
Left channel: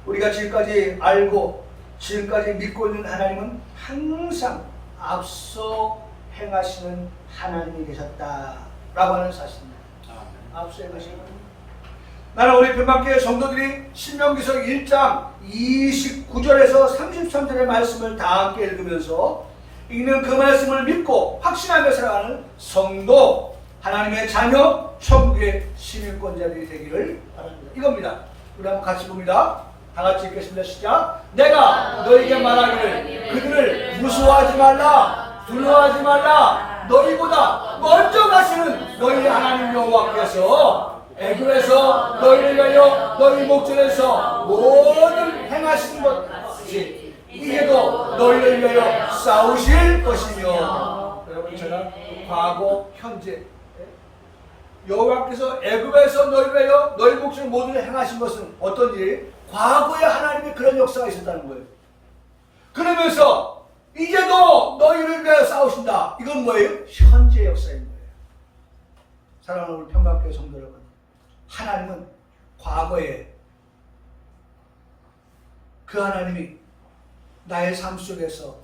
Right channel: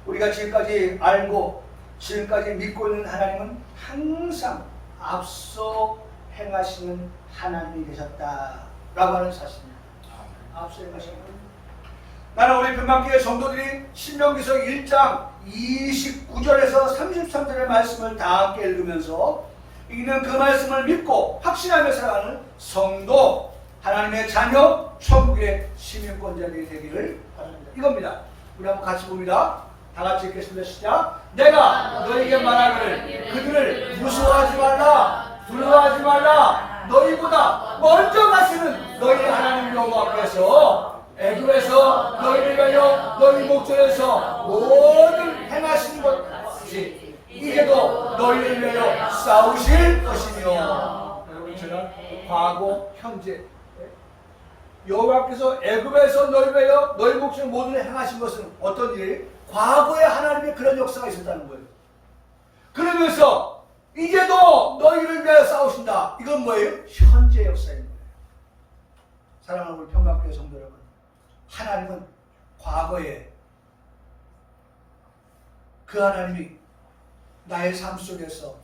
우리가 지금까지 알고 지금까지 믿고 있는 하나님은 항상 앞서 행하시는 하나님이 계셨다라고 하는 사실입니다. 앞서 행하시는 하나님. 나는 우리 변방교회 성도들이 신명기서 1장 29절에서 33절의 말씀을 다 함께 읽으면서 읽는 그 말씀을 믿고 확신하며 살아가는 성도, 하나님의 자녀, 천국의 시민권자들이 되기를 바랍니다. 이겁니다. 우리 한번 같이 봅니다. 다 같이 읽겠습니다. 시작. 내가 너에게 말하기를 그들을 무서워하지 말라, 두려워하지 말라. 너희보다 먼저 가시는 너희 하나님 여호와께서 애굽에서 너희를 위하여 너희 목전에서 모든 행하시는 것이 이제도 너희를 위하여 싸우실 것이며. 여러분, 제가 과거, 현재 여호와께서 애굽에서 너희를 위하여 너희 목전에 모든 행하신 것은 어떤 일? 과거에 하나님의 그런 역사가 있었다는 거예요. 그러면서 이제도 너희를 위하여 싸우신다. 이건 뭐예요? 현재 역사인 거예요. 사랑하는 우리 평강교회 성도 여러분, 하나님은 과거에 그 하나님이 나의 삶 속에서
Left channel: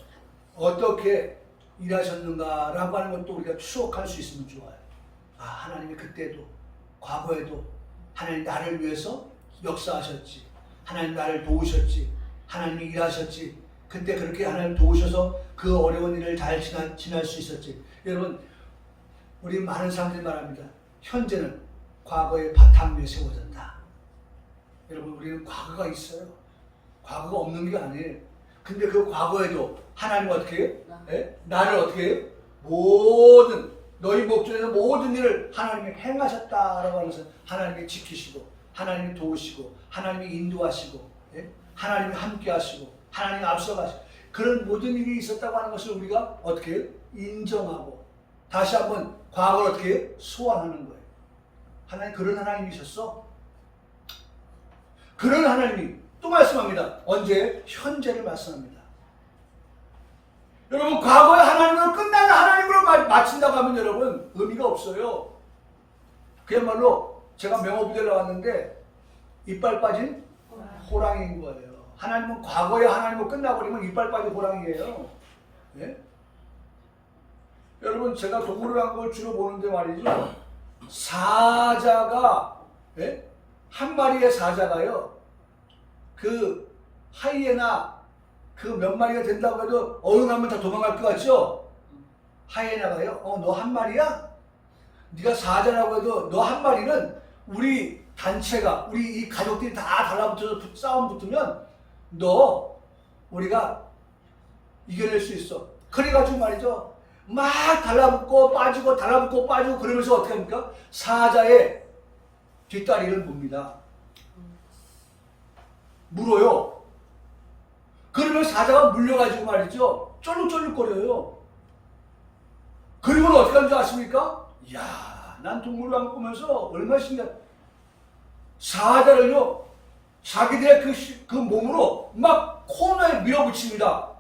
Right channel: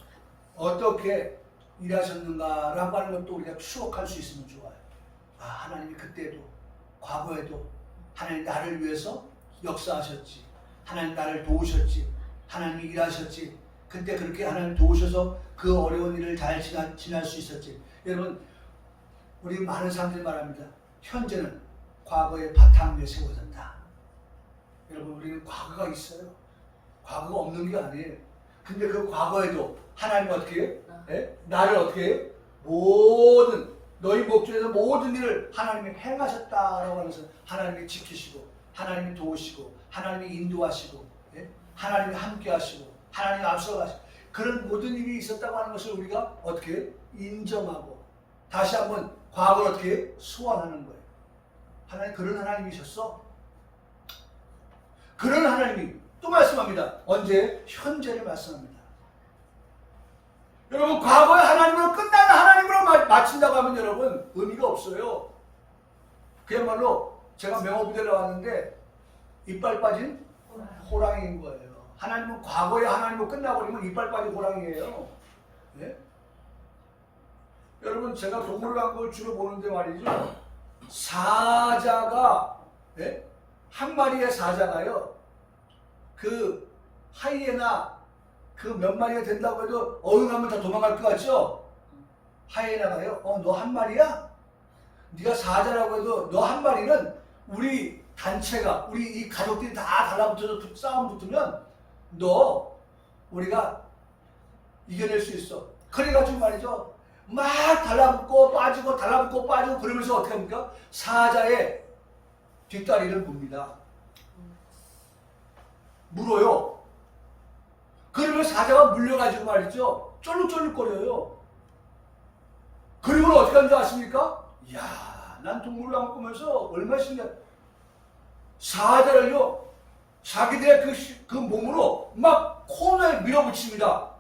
어떻게 일하셨는가라고 하는 것도 우리가 추억할 수 있으면 좋아요. 아, 하나님이 그때도 과거에도 하나님 나를 위해서 역사하셨지, 하나님 나를 도우셨지, 하나님이 일하셨지, 그때 그렇게 하나님 도우셔서 그 어려운 일을 잘 지날 수 있었지. 여러분, 우리 많은 사람들이 말합니다. 현재는 과거의 바탕 위에 세워졌다. 여러분, 우리는 과거가 있어요. 과거가 없는 게 아니에요. 근데 그 과거에도 하나님 어떻게 해요? 나를 어떻게 해요? 모든 너희 목전에서 모든 일을 하나님이 행하셨다라고 하면서 하나님이 지키시고 하나님이 도우시고 하나님이 인도하시고 하나님이 함께하시고 하나님이 앞서가시고 그런 모든 일이 있었다고 하는 것을 우리가 어떻게 해요? 인정하고 다시 한번 과거를 어떻게 해요? 소환하는 거예요. 하나님 그런 하나님이셨어. 그런 하나님이 또 말씀합니다. 언제? 현재를 말씀합니다. 여러분, 과거의 하나님으로 끝나는 하나님으로 마친다고 하면 여러분 의미가 없어요. 그야말로 제가 명호부대에 나왔는데 이빨 빠진 호랑이인 거예요. 하나님은 과거의 하나님으로 끝나버리면 이빨 빠진 호랑이에요. 네? 여러분, 제가 동물을 한 걸 주로 보는데 말이죠. 사자가 한 마리의 사자가요. 그 하이에나 그 몇 마리가 된다고 해도 어흥하면 다 도망갈 것 같죠? 하이에나가요. 너 한 마리야? 네가 사자라고 해도 너 한 마리는 우리 단체가 우리 이 가족들이 다 달라붙어서 싸움 붙으면 너 우리가 이겨낼 수 있어. 그래가지고 말이죠. 막 달라붙고 빠지고 달라붙고 빠지고 그러면서 어떻게 합니까? 사자의 뒷다리를 뭅니다. 물어요. 그러면 사자가 물려가지고 말이죠. 쫄룩쫄룩거려요. 그리고는 어떻게 하는 줄 아십니까? 이야, 난 동물을 안 보면서 얼마나 신기해. 사자를요, 자기들의 그 몸으로 막 코너에 밀어붙입니다.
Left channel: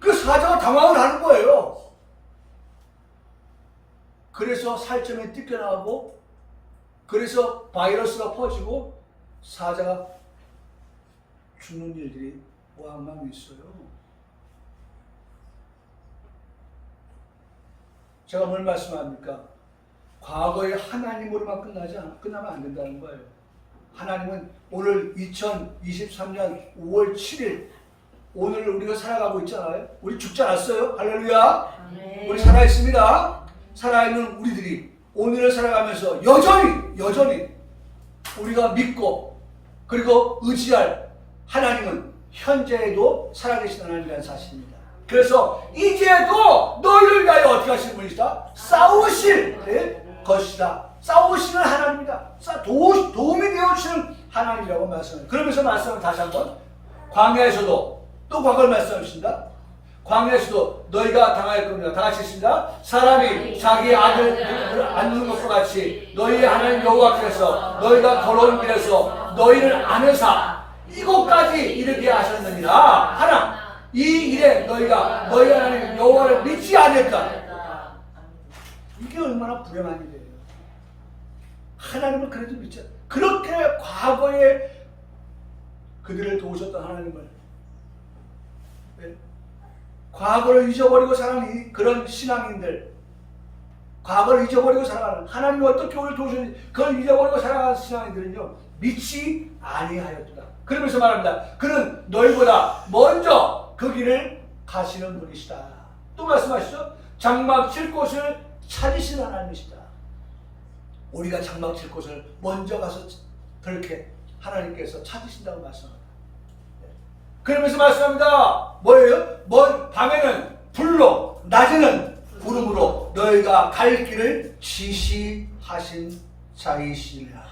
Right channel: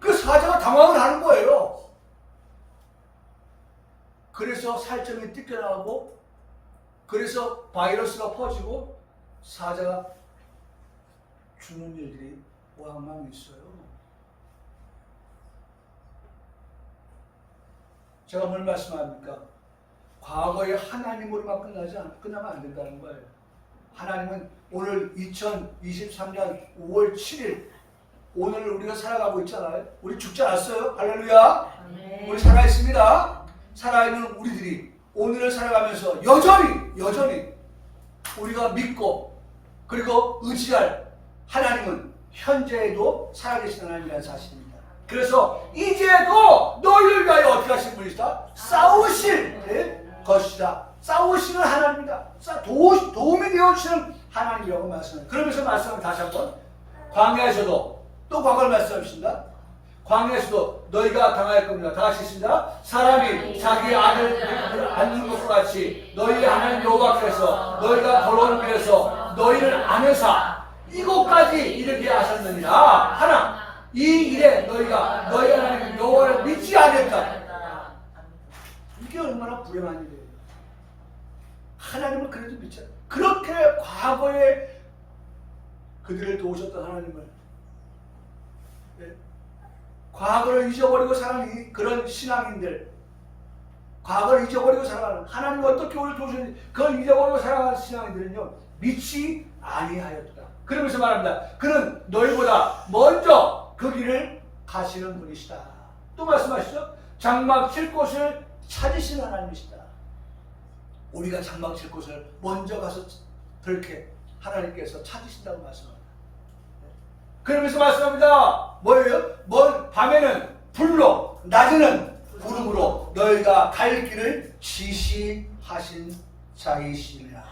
그 사자가 당황을 하는 거예요. 그래서 살점이 뜯겨나가고, 그래서 바이러스가 퍼지고, 사자가 죽는 일들이 왕왕 있어요. 제가 뭘 말씀합니까? 과거의 하나님으로만 끝나면 안 된다는 거예요. 하나님은 오늘 2023년 5월 7일 오늘 우리가 살아가고 있잖아요. 우리 죽지 않았어요. 할렐루야. 네. 우리 살아있습니다. 살아있는 우리들이 오늘을 살아가면서 여전히 우리가 믿고 그리고 의지할 하나님은 현재에도 살아계신 하나님이라는 사실입니다. 그래서 이제도 너희를 위하여 어떻게 하실 분이시다? 싸우실 것이다. 싸우시는 하나님이다. 도움이 되어주시는 하나님이라고 말씀합니다. 그러면서 말씀을 다시 한번 광야에서도 또 과거를 말씀하십니다. 광야에서도 너희가 당할 겁니다. 다 같이 있습니다. 사람이 자기 아들을 안는 것과 같이 너희의 하나님 여호와께서 너희가 걸어온 길에서 너희를 안으사 이곳까지 이르게 하셨느니라. 하나 이 일에 너희가 너희 하나님 여호와를 믿지 아니했다. 이게 얼마나 불행한 일이에요. 하나님을 그래도 믿자. 그렇게 과거에 그들을 도우셨던 하나님을, 네? 과거를 잊어버리고 살아가는 그런 신앙인들, 과거를 잊어버리고 살아가는, 하나님이 어떻게 우리를 도우셨는지 그걸 잊어버리고 살아가는 신앙인들은요, 믿지 아니하였다. 그러면서 말합니다. 그는 너희보다 먼저 그 길을 가시는 분이시다. 또 말씀하시죠. 장막 칠 곳을 찾으시는 하나님이시다. 우리가 장막 칠 곳을 먼저 가서 그렇게 하나님께서 찾으신다고 말씀합니다. 그러면서 말씀합니다. 뭐예요? 밤에는 불로, 낮에는 구름으로 너희가 갈 길을 지시하신 자이시니라.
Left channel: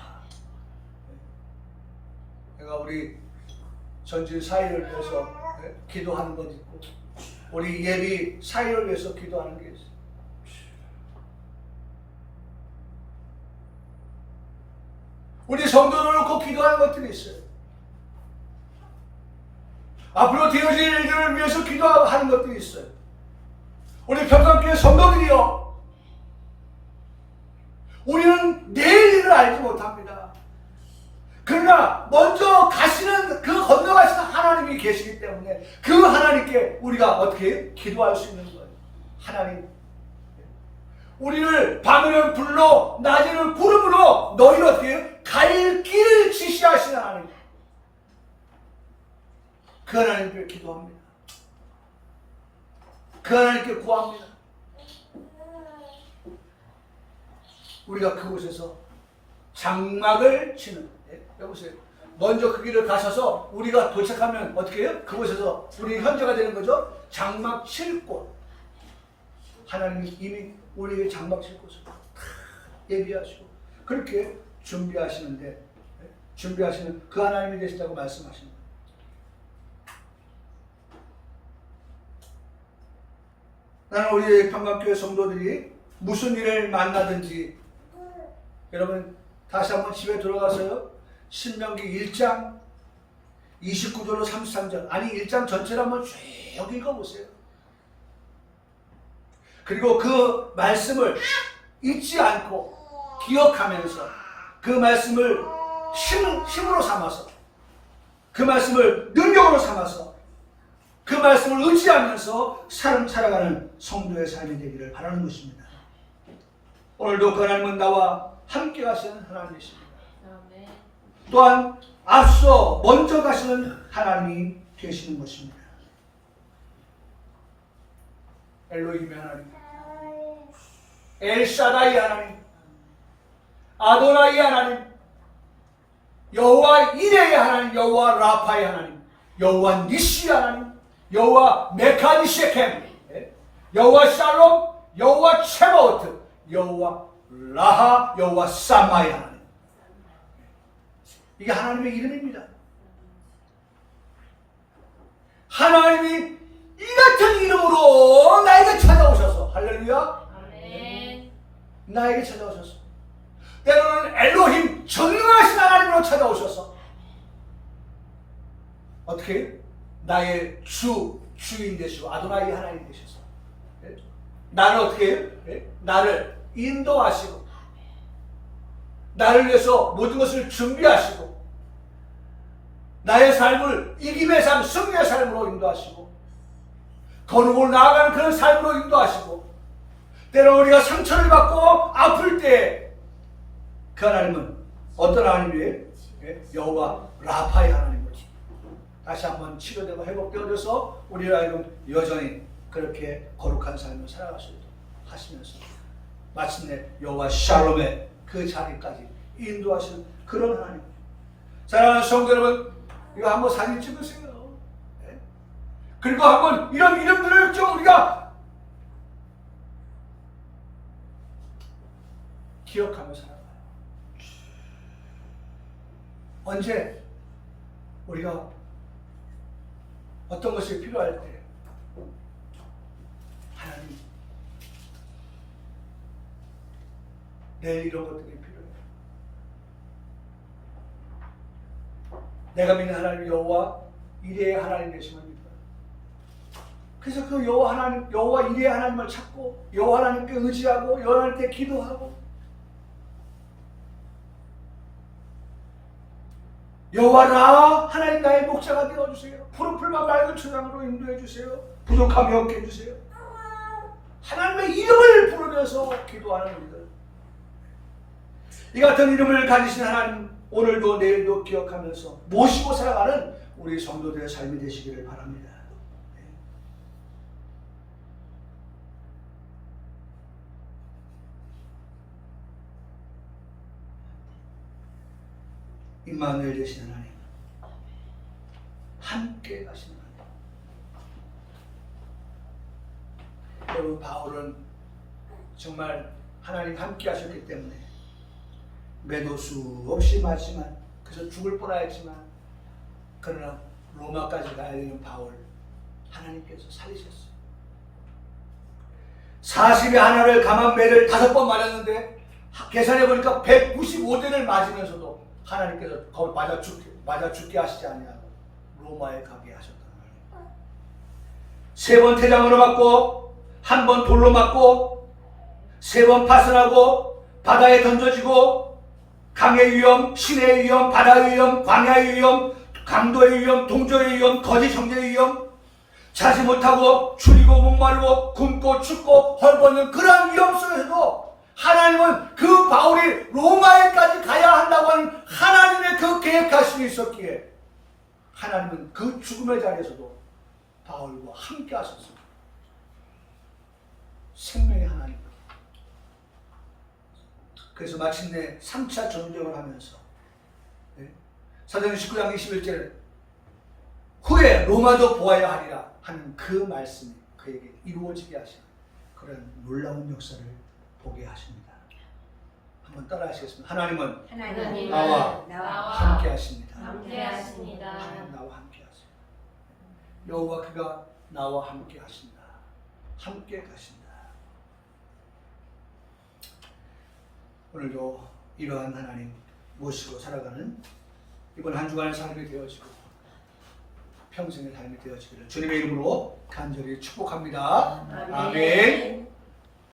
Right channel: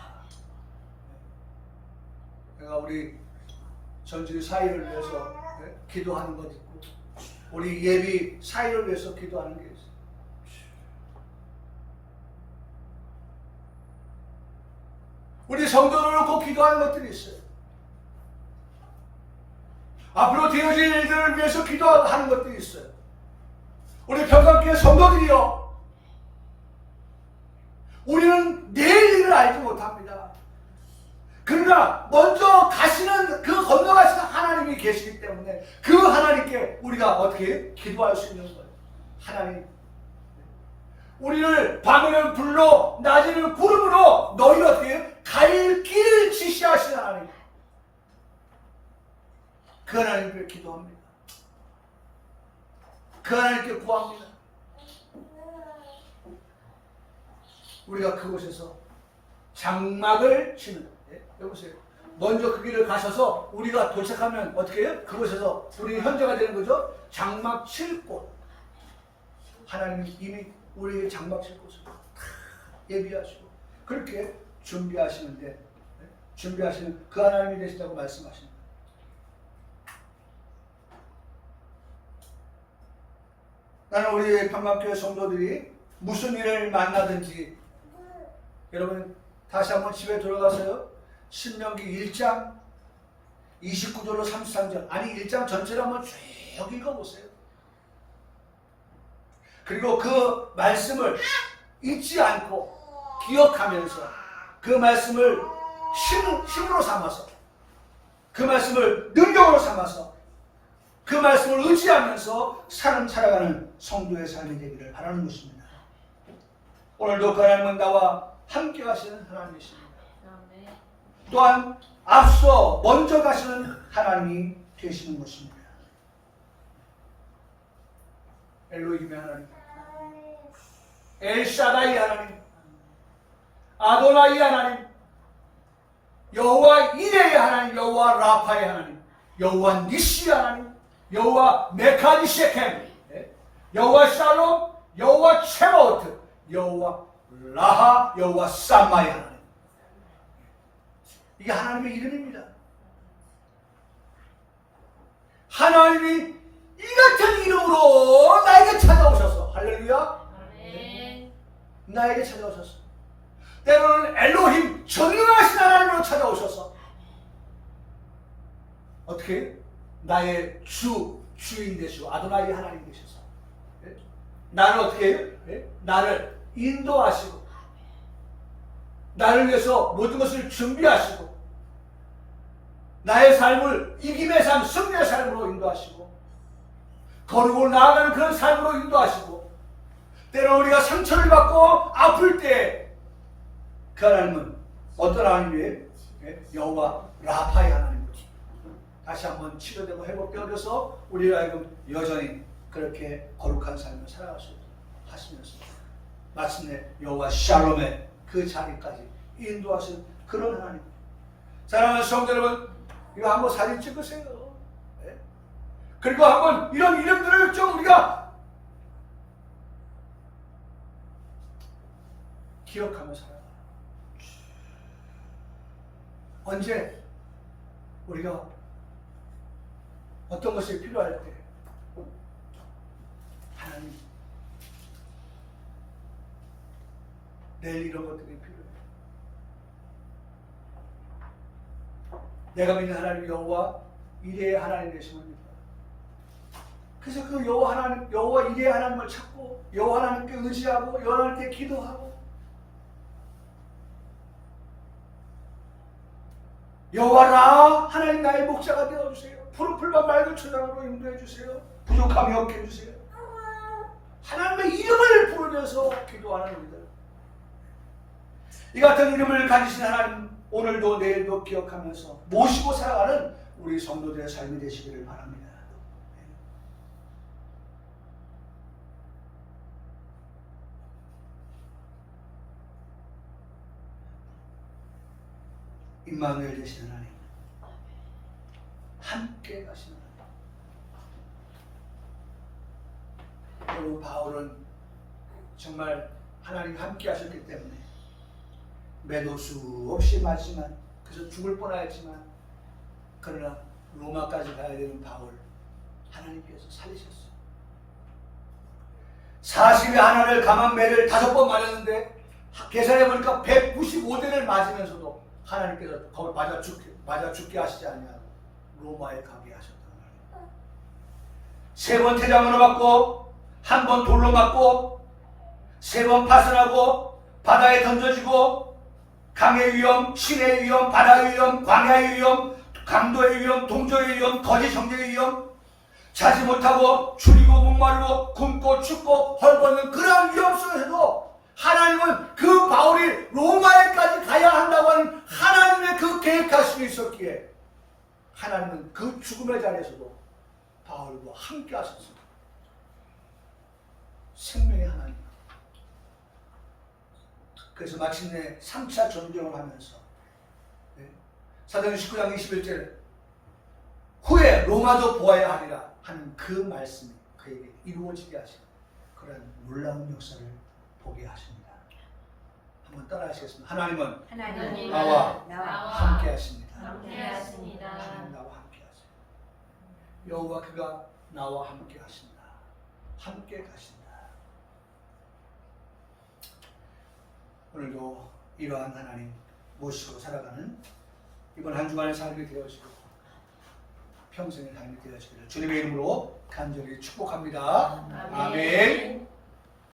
내가 우리 전주 사회를 위해서 기도하는 것 있고, 우리 예비 사회를 위해서 기도하는 게 있어요. 우리 성도를 놓고 기도하는 것들이 있어요. 앞으로 되어질 일들을 위해서 기도하는 것들이 있어요. 우리 평강교회 성도들이요, 우리는 내일 일을 알지 못합니다. 그러나 먼저 가시는, 그 건너가시는 하나님이 계시기 때문에 그 하나님께 우리가 어떻게 기도할 수 있는 거예요. 하나님, 우리를 밤에는 불로 낮에는 구름으로 너희를 어떻게 갈 길을 지시하시는 하나님, 그 하나님께 기도합니다. 그 하나님께 구합니다. 우리가 그곳에서 장막을 치는, 여보세요. 먼저 그 길을 가셔서 우리가 도착하면 어떻게 해요? 그곳에서 우리 현재가 되는 거죠. 장막 칠 곳. 하나님이 이미 우리에게 장막 칠 곳을 예비하시고 그렇게 준비하시는데, 준비하시는 그 하나님이 되시다고 말씀하시는 거예요. 나는 우리 평강교회 성도들이 무슨 일을 만나든지, 여러분 다시 한번 집에 돌아가서요, 신명기 1장 29절로 33절, 아니 1장 전체를 한번 쭉 읽어보세요. 그리고 그 말씀을 잊지 않고 기억하면서 그 말씀을 힘으로 삼아서, 그 말씀을 능력으로 삼아서, 그 말씀을 의지하면서 살아가는 성도의 삶이 되기를 바라는 것입니다. 오늘도 그 하나님은 나와 함께 하시는 하나님이십니다. 또한 앞서 먼저 가시는 하나님이 되시는 것입니다. 엘로힘의 하나님, 엘샤다이 하나님, 아도나이 하나님, 여호와 이레의 하나님, 여호와 라파의 하나님, 여호와 니시 하나님, 여호와 메카니셰켐, 여호와 샬롬, 여호와 체바오트, 여호와 라하, 여호와 사마의 하나님. 이게 하나님의 이름입니다. 하나님이 이 같은 이름으로 나에게 찾아오셔서, 할렐루야, 아멘. 나에게 찾아오셔서, 때로는 엘로힘 전능하신 하나님으로 찾아오셔서 어떻게 나의 주인 되시고 아도나이 하나님 되셔서 나를 어떻게 해요? 나를 인도하시고 나를 위해서 모든 것을 준비하시고 나의 삶을 이김의 삶, 승리의 삶으로 인도하시고 거룩으로 나아가는 그런 삶으로 인도하시고, 때로 우리가 상처를 받고 아플 때 그 하나님은 어떤 하나님이에요? 여호와 라파의 하나님이지. 다시 한번 치료되고 회복되어져서 우리를 하여금 여전히 그렇게 거룩한 삶을 살아갈 수 있도록 하시면서 마침내 여호와 샬롬의 그 자리까지 인도하시는 그런 하나님. 사랑하는 성도 여러분, 이거 한번 사진 찍으세요. 그리고 한번 이런 이름들을 좀 우리가 기억하며 살아가요. 언제 우리가 어떤 것이 필요할 때 하나님, 내일 이런 것들이 필요해요. 내가 믿는 하나님 여호와 이레의 하나님 되심을 믿어요. 그래서 그 여호와 이레 하나님을 찾고 여호와 하나님께 의지하고 여호와 하나님께 기도하고 여호와라 하나님 나의 목자가 되어주세요. 푸른 풀과 맑은 초장으로 인도해주세요. 부족함이 없게 해주세요. 하나님의 이름을 부르면서 기도하는 우리들, 이 같은 이름을 가지신 하나님 오늘도 내일도 기억하면서 모시고 살아가는 우리 성도들의 삶이 되시기를 바랍니다. 임마누엘 되신 하나님, 함께 가시는 하나님. 여러분, 바울은 정말 하나님 함께 하셨기 때문에 매도 수 없이 맞지만, 그래서 죽을 뻔하였지만, 그러나 로마까지 가야 되는 바울 하나님께서 살리셨어요. 40의 하나를 감한 매를 5번 맞았는데 계산해 보니까 195대를 맞으면서도 하나님께서 거기 맞아 죽게 하시지 아니하고 로마에 가게 하셨다는 거예요. 3번 태장으로 맞고, 1번 돌로 맞고, 3번 파선하고, 바다에 던져지고, 강의 위험, 신의 위험, 바다의 위험, 광야의 위험, 강도의 위험, 동전의 위험, 거짓 형제의 위험, 자지 못하고 줄이고 목마르고 굶고 춥고 헐벗는 그러한 위험 속에서도 하나님은 그 바울이 로마에까지 가야 한다고 하는 하나님의 그 계획하심이 있었기에 하나님은 그 죽음의 자리에서도 바울과 함께 하셨습니다. 생명의 하나님. 그래서 마침내 3차 전쟁을 하면서 사도행전 19장 21절에 후에 로마도 보아야 하리라 하는 그 말씀이 그에게 이루어지게 하시는 그런 놀라운 역사를 보게 하십니다. 한번 따라 하시겠습니다. 하나님은 나와 함께 하십니다. 함께 하십니다. 하나님 나와 함께 하십니다. 여호와 그가 나와 함께 하십니다. 함께 가십니다. 오늘도 이러한 하나님 모시고 살아가는 이번 한 주간의 삶이 되어지고 평생의 삶이 되어지기를 주님의 이름으로 간절히 축복합니다. 아멘.